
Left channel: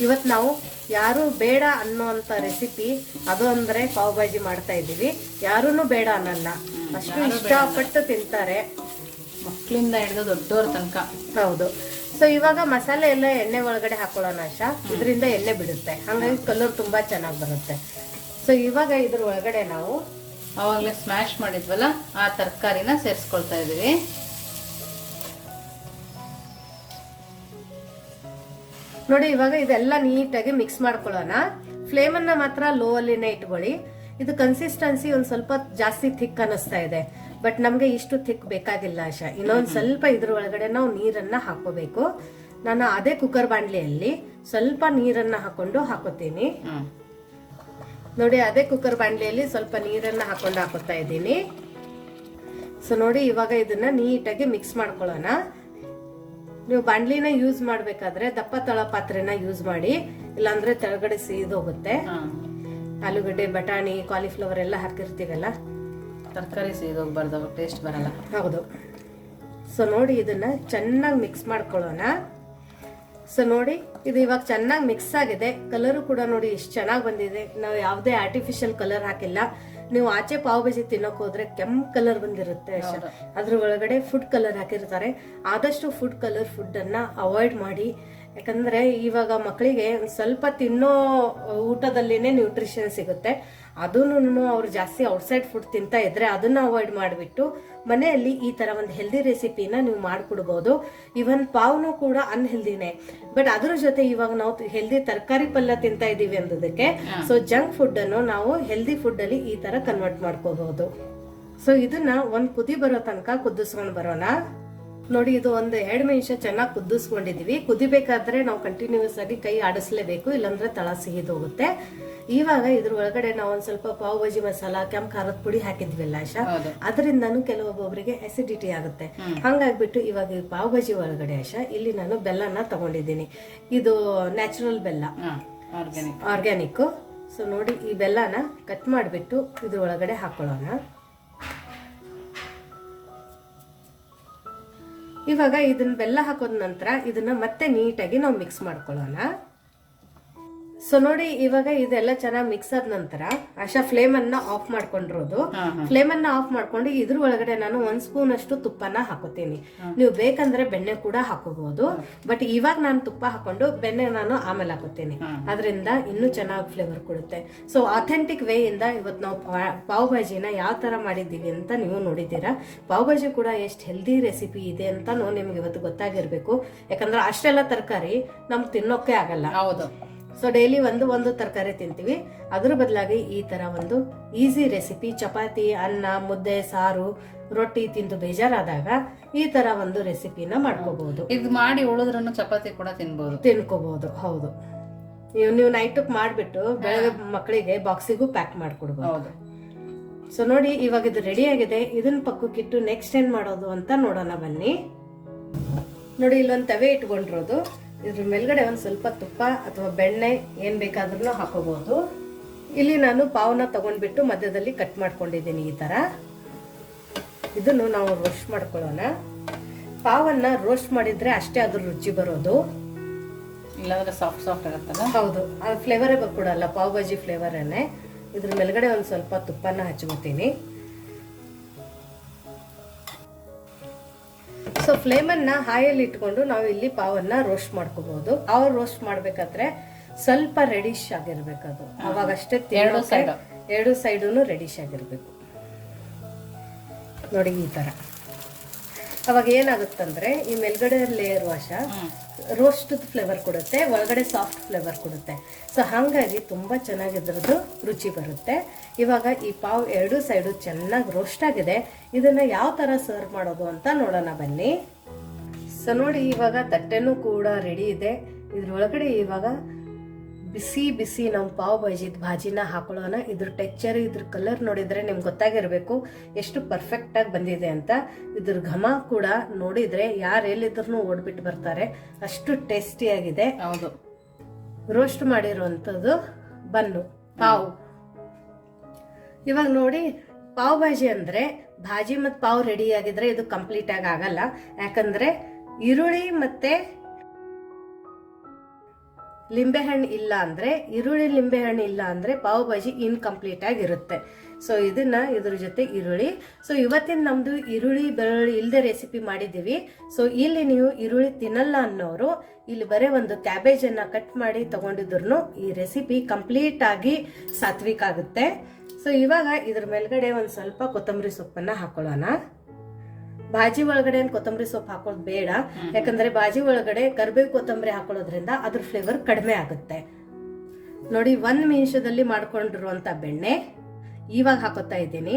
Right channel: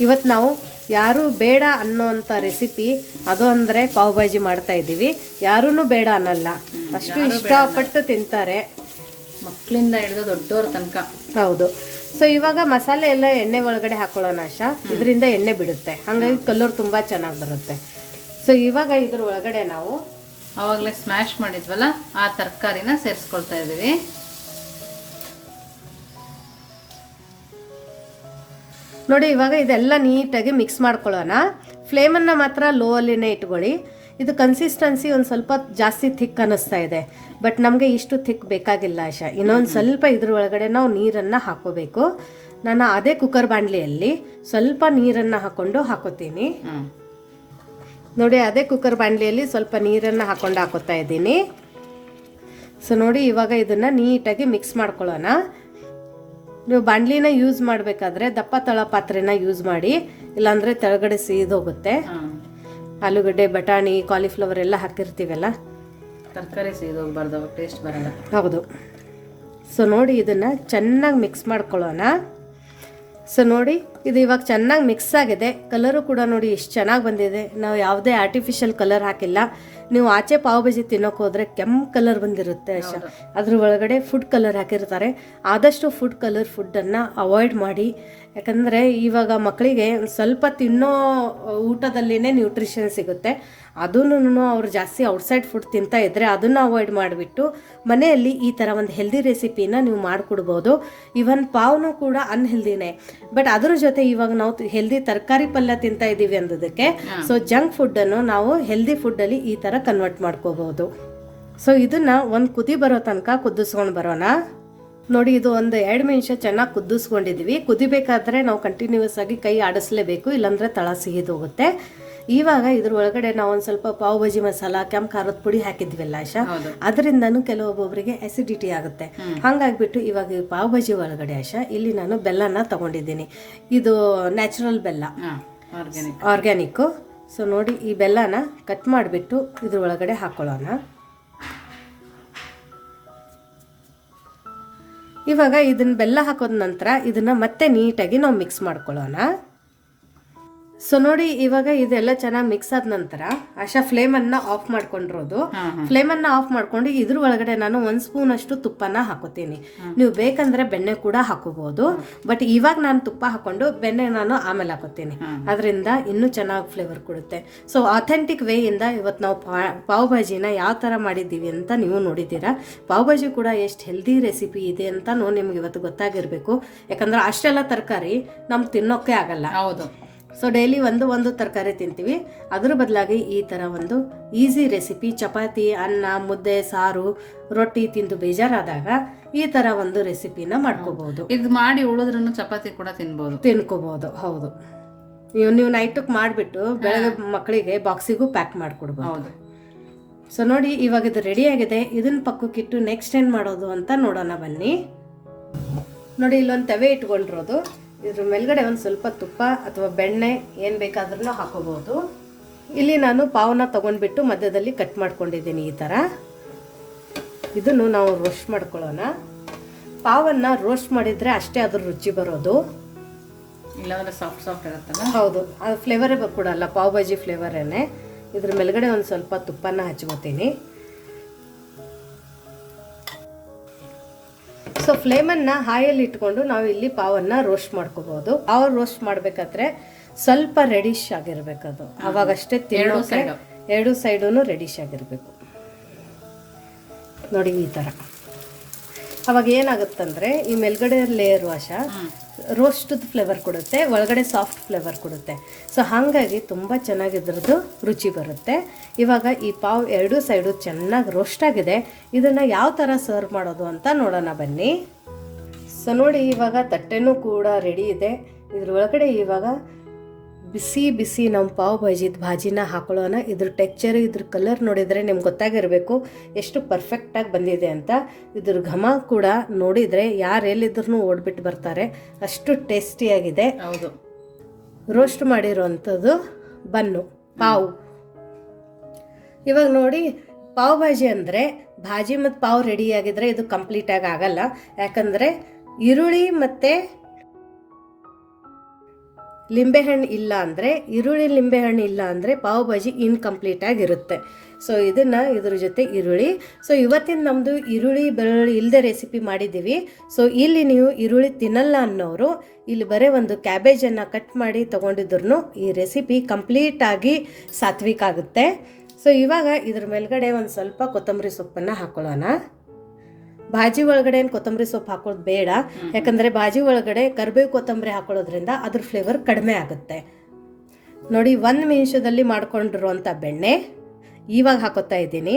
ಇವತ್ತು ನಾವು ಯಾರು ಬೇಡ ಅನ್ನೋಂಥ ರೆಸಿಪಿ ಅದು ಅಂದರೆ ಪಾವ್ ಭಾಜಿ ಮಾಡ್ತಾ ಇದ್ದೀವಿ. ಯಾರೂ ಬೇಡ ಅನ್ನಲ್ಲ. ಅಷ್ಟು ಇಷ್ಟಪಟ್ಟು ತಿಂತಾರೆ. ಮಕ್ಕಳಿಂದ ಹಿಡಿದು ದೊಡ್ಡವ್ರ ತನಕ. ಹೌದು. ಸೊ ಇವಾಗ ಮಸಾಲೆ ಎಲ್ಲ ಎಣ್ಣೆ ಒಳಗಡೆ ಹಾಕೊಳ್ಳೋಣ ಆಶಾ. ಇದರಿಂದ ಎಣ್ಣೆ ಬಿಡುತ್ತೆ. ಹಾಗಾಗಿ ಕಲರ್ ತುಂಬಾ ಚೆನ್ನಾಗಿ ಬರುತ್ತೆ. ಸೊ ಇವಾಗ ಇದ್ರ ಒಳಗಡೆ ನಾವು ಅವಾಗಲೇ ಸ್ಮ್ಯಾಶ್ ಮಾಡಿದ್ವಲ್ಲ ಆ ತರಕಾರಿನ ಸೇರಿಸ್ಕೊಳ್ತಾ ಇದೀವಿ ನೋಡಿ ಇವಾಗ ಇದೆಲ್ಲ ನೀಟಾಗಿ ಮಿಕ್ಸ್ ಮಾಡ್ಕೊಳ್ಳೋಣ. ಫ್ಲೇಮನ್ನು ಮಾತ್ರ ಲೋ ಅಲ್ಲಿನೇ ಇಟ್ಕೊಳ್ಳಿ. ಇದು ಕನ್ಸಿಸ್ಟೆನ್ಸಿ ಒಂದು ಸ್ವಲ್ಪ ಜಾಸ್ತಿ ಥಿಕ್ ಅನ್ನಿಸ್ತಾ ಇದೆ. ಬಟ್ ನಮಗೆ ಇಷ್ಟು ಥಿಕ್ ಬೇಕಾಗಿಲ್ಲ ಆಶಾ. ಇನ್ನೊಂದು ಸ್ವಲ್ಪ ಇದ್ರ ಒಳಗಡೆ ನಾವು ನೀರನ್ನು ಹಾಕೋಬೇಕು ನಾನು ಅದೇ ಕುಕ್ಕರ್ ಬಾಣಲಿಯಲ್ಲಿ ಸ್ವಲ್ಪ ನೀರನ್ನು ಹಾಕೊಂಡು ಹಾಕೋತೀನಿ. ನೋಡಿ ಅದೇ ಕುಕ್ಕರ್ ಬಾಣಲಿಯಲ್ಲಿ ಸ್ವಲ್ಪ ನೀರನ್ನು ಹಾಕ್ಕೊಂಡು ಹಾಕೋತಾ ಇದ್ದೀನಿ. ಸೊ ನೋಡಿ ಇವಾಗ ಇದನ್ನು ನೀಟಾಗಿ ಮಿಕ್ಸ್ ಮಾಡ್ಕೊಳ್ಳೋಣ. ನೀವು ಬಾಣಲಿನ ಯೂಸ್ ಮಾಡಬೇಕಾದ್ರೆ ದಪ್ಪ ತಳ ಪಾತ್ರೆನ ಯೂಸ್ ಮಾಡಿ ಇಲ್ಲಾಂದ್ರೆ ತೆಳಗಡೆ ಸೀದೋಗುತ್ತೆ ಆಲೂಗಡ್ಡೆ ಬಟಾಣಿ ಕಾಲಿಫ್ಲವರ್ ಎಲ್ಲ ಹಾಕಿರ್ತೀವಲ್ಲ? ತರಕಾರಿ ಸೀದೋಗ್ಬಾರ್ದು ಟೇಸ್ಟ್ ಬರಲ್ಲ. ಹೌದು. ಸೊ ನೋಡಿ ಇದನ್ನ ಚೆನ್ನಾಗಿ ಮಿಕ್ಸ್ ಮಾಡ್ಕೊಳ್ಳೋಣ. ಸೊ ನೋಡಿ ಇದು ಇವಾಗ ಚೆನ್ನಾಗಿ ಮಿಕ್ಸ್ ಆಗಿದೆ. ಕಲರು ಕೂಡ ನೋಡಿ ಎಷ್ಟು ಚೆನ್ನಾಗಿ ಬಂದಿದೆ. ನಾವು ಯಾವುದೇ ಆರ್ಟಿಫಿಷಿಯಲ್ ಕಲರ್ ಹಾಕಿಲ್ಲ. ನೀವು ಆಚೆ ಪಾವ್ ಬಜಿ ತಿನ್ನೋಕೆ ಹೋದ್ರೆ ಕೆಂಪು ಕಲರ್ ಬಂದಿರುತ್ತೆ ಅಷ್ಟೇ. ಅದ್ರ ಒಳಗಡೆ ಫುಡ್ ಕಲರ್ ಹಾಕಿರ್ತಾರೆ. ಆದಷ್ಟು ಫುಡ್ ಕಲರ್ ಫುಡ್ಡನ್ನು ಅವಾಯ್ಡ್ ಮಾಡಿ. ಯಾಕಂದರೆ ಇವಾಗ ಮಕ್ಕಳಿಗೆ ಸ್ವಲ್ಪ ತಿನ್ನೋ ಊಟದಲ್ಲಿನೇ ನ್ಯೂಟ್ರಿಷನ್ ಸಿಗುತ್ತೆ. ಅದನ್ನು ಅವ್ರು ಜಾಸ್ತಿ ಔಟ್ಸೈಡ್ ಫುಡ್ ತಿಂತಾ ಇದ್ದರೆ ಅದನ್ನು ಅವಾಯ್ಡ್ ಮಾಡಿಬಿಟ್ಟು ಮನೆಯಲ್ಲಿ ಈ ಥರ ಒಂದು ಹೆಲ್ದಿ ರೆಸಿಪಿನ ನೀವು ಮಾಡಿಕೊಡ್ಬೋದು. ಇವನ್ ಪಾವ್ನು ಕೂಡ ಅನ್ಹೆಲ್ದಿನೇ ಬಟ್ ಅದ್ರ ಜೊತೆ ಇವಾಗ ನಾವು ಹೆಲ್ದಿ ತರಕಾರಿ ಪಲ್ಯ ತಿಂತಾ ಇದ್ದೀವಿ ಅನ್ನೋದಕ್ಕೆ ಸೊ ಜಂಕ್ ಫುಡ್ಡನ್ನು ನಾವು ಹೆಲ್ದಿ ಫುಡ್ಡಲ್ಲಿ ಈ ಥರ ಕನ್ವರ್ಟ್ ಮಾಡ್ಕೋಬಹುದು ಸೊ ಇದನ್ನ ಒಂದು ಕುದಿ ಬರೋ ತನಕ ಕುದಿಸ್ಕೊಂಡು ಬರೋಣ. ನೋಡಿ ಇದು ಒಂದು ಎರಡು ನಿಮಿಷ ಚೆನ್ನಾಗಿ ಕುದಿಸ್ಕೊಂಡಿದೀವಿ. ಕುದಿಬೇಕಾದ್ರೆ ನಾವು ಕಂಟಿನ್ಯೂಸ್ ಆಗಿ ಕೈ ಆಡಿಸ್ಲೇಬೇಕು ಇಲ್ಲಾಂದ್ರೆ ತಳ ಸಿಹಿದೋಗುತ್ತೆ ಇವಾಗ ಇದ್ರ ಒಳಗಡೆ ನಾವು ಒಂದು ಸ್ವಲ್ಪ ಪಾವ್ ಭಾಜಿ ಮಸಾಲ ಕೆಂಪು ಖಾರದ ಪುಡಿ ಹಾಕಿದ್ವಿಲ್ಲ ಆಶಾ? ಅದರಿಂದ ಅದರಿಂದನೂ ಕೆಲವೊಬ್ಬೊಬ್ಬರಿಗೆ ಅಸಿಡಿಟಿ ಆಗುತ್ತೆ. ಹಂಗಾಗ್ಬಿಟ್ಟು ಇವಾಗ ಈ ಪಾವ್ ಭಾಜಿ ಒಳಗಡೆ ಆಶಾ ಇಲ್ಲಿ ನಾನು ಬೆಲ್ಲನ ತಗೊಂಡಿದ್ದೀನಿ. ಇದು ನ್ಯಾಚುರಲ್ ಬೆಲ್ಲ. ಆರ್ಗ್ಯಾನಿಕ್ ಸೊ ನೋಡಿ ಈ ಬೆಲ್ಲನ ಕಟ್ ಮಾಡಿಬಿಟ್ಟು ಇದ್ರ ಒಳಗಡೆ ಹಾಕೊಳ್ಳೋಣ. ಇವಾಗ ಇದನ್ನ ಬೆಲ್ಲ ಹಾಕೋದ ನಂತರ ಇದನ್ನ ಮತ್ತೆ ನೀಟಾಗಿ ನಾವು ಮಿಕ್ಸ್ ಮಾಡ್ಕೊಳ್ಳೋಣ. ಸೊ ನೋಡಿ ಇವಾಗ ಇದೆಲ್ಲ ಚೆನ್ನಾಗಿ ಮಿಕ್ಸ್ ಆದ ನಂತರ ಆಶಾ ಅನ್ನ ಆಫ್ ಮಾಡ್ಕೊಂಡಿರೋದು. ಫ್ಲೇಮ್ ಅನ್ನ ಆಫ್ ಮಾಡ್ಕೊಂಡು ಇದ್ರ ಒಳಗಡೆ ನಾನು ಒಂದ್ ಸ್ಪೂನ್ ಅಷ್ಟು ತುಪ್ಪನ ಹಾಕೋತೀನಿ ನೀವು ಬೇಕಂದ್ರೆ ಬೆಣ್ಣೆ ಕೂಡ ಹಾಕೋಬಹುದು. ಬಟ್ ಇವಾಗ ನಾನು ತುಪ್ಪ ಹಾಕೊಂಡು ಬೆಣ್ಣೆ ನಾನು ಆಮೇಲೆ ಹಾಕೋತೀನಿ ಅದರಿಂದ ಇನ್ನೂ ಚೆನ್ನಾಗಿ ಫ್ಲೇವರ್ ಕೊಡುತ್ತೆ. ಸೊ ಅಥೆಂಟಿಕ್ ಇಂದ ಇವತ್ತು ನಾವು ಪಾವ್ ಭಾಜಿನ ಯಾವ ತರ ಮಾಡಿದ್ದೀವಿ ಅಂತ ನೀವು ನೋಡಿದ್ದೀರಾ. ಪಾವ್ ಭಾಜಿ ಕೂಡ ಎಷ್ಟು ಹೆಲ್ದಿ ರೆಸಿಪಿ ಇದೆ ಅಂತ ನಿಮ್ಗೆ ಇವತ್ತು ಗೊತ್ತಾಗಿರ್ಬೇಕು. ಯಾಕಂದ್ರೆ ಅಷ್ಟೆಲ್ಲ ತರಕಾರಿ ನಮ್ಗೆ ತಿನ್ನೋಕೆ ಆಗಲ್ಲ. ಹೌದು. ಸೊ ಡೈಲಿ ಒಂದು ಒಂದು ತರಕಾರಿ ತಿಂತೀವಿ. ಅದರ ಬದಲಾಗಿ ಈ ಥರ ಒಂದು ಈಸಿ ರೆಸಿಪಿ ಚಪಾತಿ ಅನ್ನ ಮುದ್ದೆ ಸಾರು ರೊಟ್ಟಿ ತಿಂದು ಬೇಜಾರಾದಾಗ ಈ ತರ ಒಂದು ರೆಸಿಪಿನ ಮಾಡ್ಕೋಬಹುದು. ಇದು ಮಾಡಿ ಉಳಿದ್ರೂ ಚಪಾತಿ ಕೂಡ ತಿನ್ಬೋದು. ತಿನ್ಕೋಬಹುದು. ಹೌದು. ನೀವು ನೀವು ನೈಟಕ್ಕೆ ಮಾಡಿಬಿಟ್ಟು ಬೆಳಗ್ಗೆ ಮಕ್ಕಳಿಗೆ ಬಾಕ್ಸಿಗೂ ಪ್ಯಾಕ್ ಮಾಡಿಕೊಡ್ಬೋದು ಹೌದು. ಸೊ ನೋಡಿ ಇವಾಗ ಇದು ರೆಡಿ ಆಗಿದೆ. ಇದನ್ನ ಪಕ್ಕಕ್ಕಿಟ್ಟು ನೆಕ್ಸ್ಟ್ ಏನು ಮಾಡೋದು ಅಂತ ನೋಡೋಣ ಬನ್ನಿ. ನೋಡಿ ಇಲ್ಲೊಂದು ತವೆ ಇಟ್ಕೊಂಡಿರೋದು. ಇದ್ರ ಮೇಲ್ಗಡೆ ಒಂದು ಸ್ವಲ್ಪ ತುಪ್ಪ ಅಥವಾ ಬೆಣ್ಣೆ ಏನು ಬೇಕಾದ್ರೂ ಹಾಕೋಬಹುದು. ಇಲ್ಲಿ ನಾನು ಪಾವನ ತಗೊಂಡ್ಬಿಟ್ಟು ಮಧ್ಯದಲ್ಲಿ ಕಟ್ ಮಾಡ್ಕೊಂಡಿದ್ದೀನಿ ಈ ಥರ ಇದನ್ನು ನಾವು ರೋಸ್ಟ್ ಮಾಡ್ಕೊಳ್ಳೋಣ. ಪಾವನ್ನ ರೋಸ್ಟ್ ಮಾಡಿದ್ರೆ ಅಷ್ಟೇ ಅದ್ರ ರುಚಿ ಬರೋದು. ಇಲ್ಲಾಂದ್ರೆ ಸಾಫ್ಟ್ ಸಾಫ್ಟ್ ಆಗುತ್ತಲ್ಲ ಹೌದು ಅದು ಫ್ಲೇವರೇ ಬರ್ಕೊಡಲ್ಲ ಪಾವ್ ಭಾಜಿ ಫ್ಲೇವರೇನೆ ಇದ್ರ ಮೇಲ್ಗಡೆ ಒಂದು ಸ್ವಲ್ಪ ತುಪ್ಪನ ಹಚ್ಕೋತೀನಿ. ಸೊ ಫ್ಲೇಮನ್ನು ಹಾಯಲ್ಲಿ ಇಟ್ಕೊಂಡು ನಾವು ಇಲ್ಲಿ ಪಾವನ್ನ ರೋಸ್ಟ್ ಮಾಡ್ಕೋಬಹುದು. ಪಾವ್ ರೋಸ್ಟ್ ಮಾಡಬೇಕಾದ್ರೆ ಸ್ವಲ್ಪ ರೆಡಿಶ್ ಆಗಿರ್ಬೇಕು ಅದು ಅವಾಗಷ್ಟೇ ಎರಡು ಸೈಡ್ ಎರಡು ಸೈಡೂ ರೆಡಿಶ್ ಆಗಿರಬೇಕು. ನೋಡಿ ಈ ಥರ ಅವಾಗ ಏನಾಗುತ್ತಂದ್ರೆ ಈ ಮೇಲ್ಗಡೆ ಲೇಯರ್ ವಾಶ ರೋಸ್ಟದ್ ಫ್ಲೇವರ್ ಕೊಡುತ್ತೆ, ಒಳಗಡೆ ಸಾಫ್ಟ್ ಫ್ಲೇವರ್ ಕೊಡುತ್ತೆ. ಸೊ ಹಾಗಾಗಿ ತುಂಬ ಚೆನ್ನಾಗಿದ್ರದ್ದು ರುಚಿ ಬರುತ್ತೆ. ಇವಾಗ ಈ ಪಾವ್ ಎರಡೂ ಸೈಡು ಚೆನ್ನಾಗಿ ರೋಸ್ಟ್ ಆಗಿದೆ. ಇದನ್ನು ಯಾವ ಥರ ಸರ್ವ್ ಮಾಡೋದು ಅಂತ ನೋಡೋಣ ಬನ್ನಿ. ಸೊ ನೋಡಿ ಇವಾಗ ತಟ್ಟೆನೂ ಕೂಡ ರೆಡಿ ಇದೆ. ಇದ್ರ ಒಳಗಡೆ ಇವಾಗ ಬಿಸಿ ಬಿಸಿ ನಮ್ಮ ಪಾವ್ ಭಾಜಿದ ಭಾಜಿನ ಹಾಕೊಳ್ಳೋಣ. ಇದ್ರ ಟೆಕ್ಚರ್ ಇದ್ರ ಕಲರ್ ನೋಡಿದರೆ ನಿಮ್ಗೆ ಗೊತ್ತಾಗಿರಬೇಕು ಎಷ್ಟು ಪರ್ಫೆಕ್ಟಾಗಿ ಬಂದಿದೆ ಅಂತ. ಇದ್ರ ಘಮ ಕೂಡ ನೋಡಿದರೆ ಯಾರು ಎಲ್ಲಿದ್ರು ಓಡ್ಬಿಟ್ಟು ಬರ್ತಾರೆ. ಅಷ್ಟು ಟೇಸ್ಟಿಯಾಗಿದೆ ಹೌದು. ರೋಸ್ಟ್ ಮಾಡಿರೋವಂಥದ್ದು ಬನ್ನು ಪಾವು. ಇವಾಗ ನೋಡಿ ಪಾವ್ ಭಾಜಿ ಅಂದರೆ ಭಾಜಿ ಮತ್ತು ಪಾವ್ ರೆಡಿ ಆಗಿದ್ರೆ ಇದು ಕಂಪ್ಲೀಟಾಗಿ ಆಗಲ್ಲ. ಯಾಕಂದರೆ ಈರುಳ್ಳಿ ಮತ್ತು ಲಿಂಬೆಹಣ್ಣು ಇಲ್ಲ ಅಂದರೆ, ಈರುಳ್ಳಿ ಲಿಂಬೆಹಣ್ಣು ಇಲ್ಲ ಅಂದರೆ ಪಾವ್ ಭಾಜಿ ಇನ್ಕಂಪ್ಲೀಟ್ ಆಗಿರುತ್ತೆ ಸೊ ಇದನ್ನು ಇದ್ರ ಜೊತೆ ಈರುಳ್ಳಿ. ಸೊ ಇವತ್ತಿನ ನಮ್ಮದು ಈರುಳ್ಳಿ ಬೆಳ್ಳುಳ್ಳಿ ಇಲ್ಲದೆ ರೆಸಿಪಿ ಮಾಡಿದ್ದೀವಿ. ಸೊ ಇಲ್ಲಿ ನೀವು ಈರುಳ್ಳಿ ತಿನ್ನಲ್ಲ ಅನ್ನೋರು, ಇಲ್ಲಿ ಬರೀ ಒಂದು ಕ್ಯಾಬೇಜನ್ನು ಕಟ್ ಮಾಡಿ ತೊಗೊಂಡಿದ್ರು ಈ ರೆಸಿಪಿ ಕಂಪ್ಲೀಟಾಗಿ ಸಾತ್ವಿಕ ಆಗುತ್ತೆ. ಸೊ ಇವಾಗ ಇದ್ರ ಮೇಲ್ಗಡೆ ಒಂದು ಸ್ವಲ್ಪ ಕೊತ್ತಂಬರಿ ಸೊಪ್ಪನ್ನು ಹಾಕೊಳ್ಳೋಣ. ಭಾಜಿ ಒಳಗಡೆ ಏನು ಕೊತ್ತಂಬರಿ ಸೊಪ್ಪು ಹಾಕೋದು ಬೇಡ. ಯಾಕಂದರೆ ಭಾಜಿ ಒಳಗಡೆ ಕರ್ಬೇವು ಕೊತ್ತಂಬರಿ ಹಾಕೊಳ್ಳೋದ್ರಿಂದ ಅದ್ರ ಫ್ಲೇವರ್ ಕಡಿಮೆ ಆಗುತ್ತೆ. ನೋಡಿ ಒಂದು ನಿಮಿಷದಲ್ಲಿ ಮಾಡ್ಕೊಂಡಿರುವಂಥ ಬೆಣ್ಣೆ ಇವಾಗ ಹಾಕೋತಾ ಇದ್ದೀನಿ.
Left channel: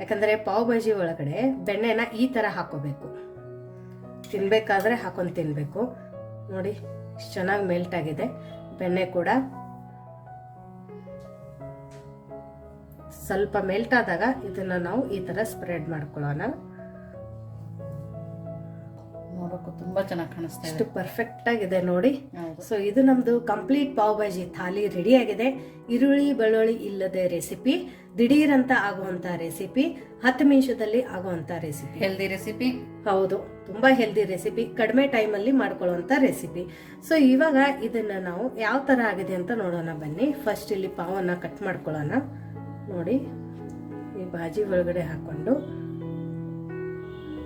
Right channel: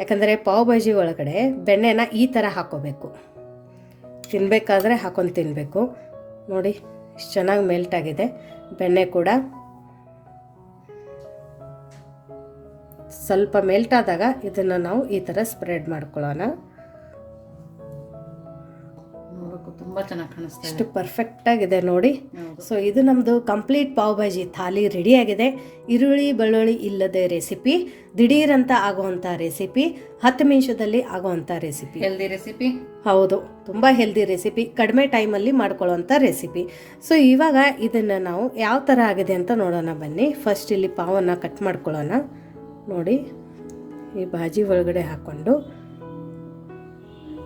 ಯಾಕಂದರೆ ಪಾವ್ ಭಾಜಿ ಒಳಗಡೆ ಬೆಣ್ಣೆನ ಈ ಥರ ಹಾಕೋಬೇಕು. ತಿನ್ನಬೇಕಾದ್ರೆ ಹಾಕೊಂಡು ತಿನ್ನಬೇಕು ನೋಡಿ ಇಷ್ಟು ಚೆನ್ನಾಗಿ ಮೆಲ್ಟ್ ಆಗಿದೆ. ಬೆಣ್ಣೆ ಕೂಡ ಸ್ವಲ್ಪ ಮೆಲ್ಟ್ ಆದಾಗ ಇದನ್ನು ನಾವು ಈ ಥರ ಸ್ಪ್ರೆಡ್ ಮಾಡ್ಕೊಳ್ಳೋಣ. ನೋಡೋಕ್ಕೂ ತುಂಬಾ ಚೆನ್ನಾಗಿ ಕಾಣಿಸ್ತಾ ಇದೆ. ಪರ್ಫೆಕ್ಟ್ ಆಗಿದೆ ನೋಡಿ. ಸೊ ಇದು ನಮ್ಮದು ಕಂಪ್ಲೀಟ್ ಪಾವ್ ಭಾಜಿ ಥಾಲಿ ರೆಡಿ ಆಗಿದೆ. ಈರುಳ್ಳಿ ಬೆಳ್ಳುಳ್ಳಿ ಇಲ್ಲದೆ ರೆಸಿಪಿ ದಿಢೀರಂತ ಆಗುವಂಥ ರೆಸಿಪಿ ಹತ್ತು ನಿಮಿಷದಲ್ಲಿ ಆಗುವಂಥ ರೆಸಿಪಿ ಹೆಲ್ದಿ ರೆಸಿಪಿ ಹೌದು ತುಂಬ ಹೆಲ್ದಿ ರೆಸಿಪಿ ಕಡಿಮೆ ಟೈಮಲ್ಲಿ ಮಾಡ್ಕೊಳ್ಳೋವಂಥ ರೆಸಿಪಿ ಸೊ ಇವಾಗ ಇದನ್ನು ನಾವು ಯಾವ ಥರ ಆಗಿದೆ ಅಂತ ನೋಡೋಣ ಬನ್ನಿ. ಫಸ್ಟ್ ಇಲ್ಲಿ ಪಾವನ್ನು ಕಟ್ ಮಾಡ್ಕೊಳ್ಳೋಣ. ನೋಡಿ ಈ ಬಾಜಿ ಒಳಗಡೆ ಹಾಕ್ಕೊಂಡು.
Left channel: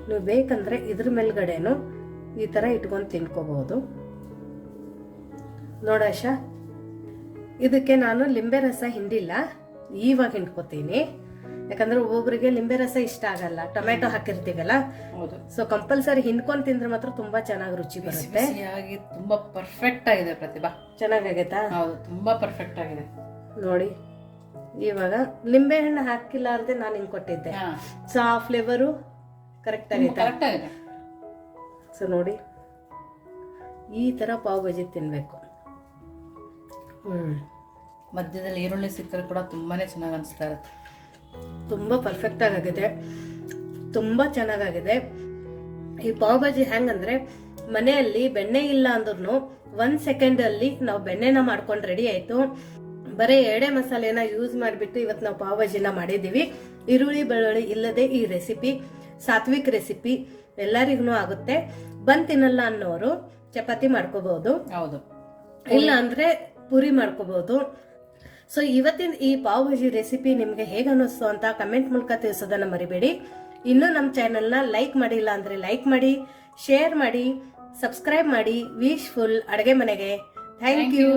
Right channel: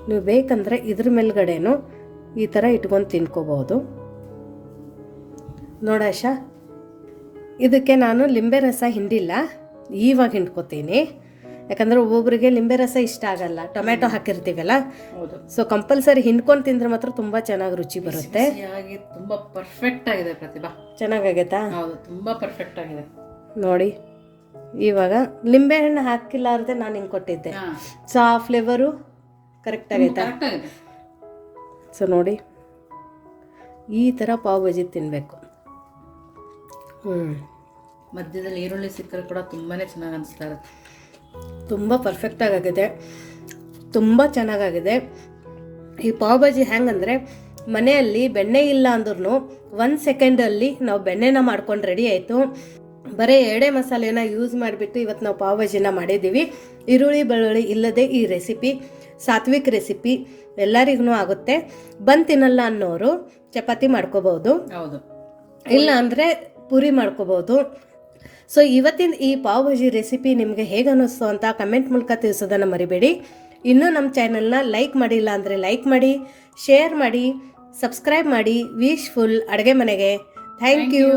ನೀವು ಬೇಕಂದರೆ ಇದ್ರ ಮೇಲ್ಗಡೆನೂ ಈ ಥರ ಇಟ್ಕೊಂಡು ತಿನ್ಕೋಬಹುದು. ನೋಡಾಶ ಇದಕ್ಕೆ ನಾನು ಲಿಂಬೆ ರಸ ಹಿಂಡಿಲ್ಲ ಈವಾಗ ಹಿಂಡ್ಕೋತೀನಿ. ಯಾಕಂದ್ರೆ ಒಬ್ಬೊಬ್ಬರಿಗೆ ಲಿಂಬೆ ರಸ ಇಷ್ಟ ಆಗಲ್ಲ ಟೊಮೆಟೊ ಹಾಕಿರ್ತೀವಲ್ಲ? ಹೌದು. ಸೊ ಕಂಪಲ್ಸರಿ ಹಿಂಡ್ಕೊಂಡು ತಿಂದ್ರೆ ಮಾತ್ರ ತುಂಬ ಚೆನ್ನಾಗಿ ರುಚಿ ಬರುತ್ತೆ. ತುಂಬ ತುಂಬಾ ಪರ್ಫೆಕ್ಟ್ ಆಗಿದೆ ಪ್ರತಿಭಾ. ಚೆನ್ನಾಗಾಗೈತಾ? ಹೌದು ತುಂಬಾ ಪರ್ಫೆಕ್ಟ್ ಆಗಿದೆ. ನೋಡಿ ಇವಾಗ ಲಿಂಬೆಹಣ್ಣು ಹಾಕಿಲ್ಲ ಹಾಕಿಲ್ಲಾರ್ದೆ ನಾನು ಹಿಂಗೆ ಕೊಟ್ಟಿದ್ದೆ. ಸೊ ಆ ಫ್ಲೇವರು ಕರೆಕ್ಟ್ ಆಗೈತಾ? ಕರೆಕ್ಟ್ ಆಗಿದೆ. ಸೊ ನೋಡಿ ಈ ಥರ ಪಾವ್ ಭಾಜಿ ತಿನ್ನಬೇಕು ಹ್ಞೂ ಮಧ್ಯದಲ್ಲಿ ಈರುಳ್ಳಿ ಸಿಕ್ಕರೆ ಕೂಡ ತುಂಬಾ ಚೆನ್ನಾಗಿ ಅನಿಸ್ತಾ ಇರುತ್ತೆ. ತುಂಬ ಪರ್ಫೆಕ್ಟಾಗಿ ಆಗಿದೆ ತುಂಬ ಚೆನ್ನಾಗಾಗಿದೆ. ಈ ಪಾವ್ ಭಾಜಿ ಹೆಂಗಂದರೆ ಮನೆಯಲ್ಲಿ ಬೆಣ್ಣೆ ಇಲ್ಲ ಅಂದ್ರೂ ಒಂದು ಸೆಕೆಂಡಲ್ಲಿ ನಾವು ಬೆಣ್ಣೆನ ಮಾಡ್ಕೊಂಡು ರೆಡಿ ಆಯಿತು. ಬರೀ ಎಡೆ ಮಸಾಲೆನ ಯೂಸ್ ಮಾಡಿಬಿಟ್ಟು ಇವತ್ತು ನಾವು ಪಾವ್ ಭಾಜಿನ ಮಾಡಿದ್ದೀವಿ ಈರುಳ್ಳಿ ಬೆಳ್ಳುಳ್ಳಿ ಇಲ್ಲದೆ ಈ ರೆಸಿಪಿ ಸಾತ್ವಿಕ್ ರೆಸಿಪಿ ಎಲ್ಲರಿಗೂ ಆಗುತ್ತೆ. ಬಂದು ತಿನ್ನಲ್ಲ ಅನ್ನೋರು ಚಪಾತಿ ಮಾಡ್ಕೋಬಹುದು. ಹೌದು. ಇಲ್ಲ ಅಂದರೆ ಪೂರಿ ಮಾಡ್ಕೋಬಹುದು. ಸೊ ಇವತ್ತಿನ ಈ ಪಾವ್ ಭಾಜಿ ರೆಸಿಪಿ ನಿಮಗೆ ಹೇಗೆ ಅನ್ನಿಸ್ತು ಅಂತ ಕಮೆಂಟ್ ಮೂಲಕ ತಿಳಿಸೋದನ್ನು ಮರಿಬೇಡಿ. ಇನ್ನೂ ನಮ್ಮ ಚಾನಲ್ನ ಲೈಕ್ ಮಾಡಿಲ್ಲ ಅಂದರೆ ಲೈಕ್ ಮಾಡಿ ಶೇರ್ ಮಾಡಿ ಸಬ್ಸ್ಕ್ರೈಬ್ ಮಾಡಿ. ವಿಶ್ ಫುಲ್ ಅಡುಗೆ ಮನೆಗೆ. Thank you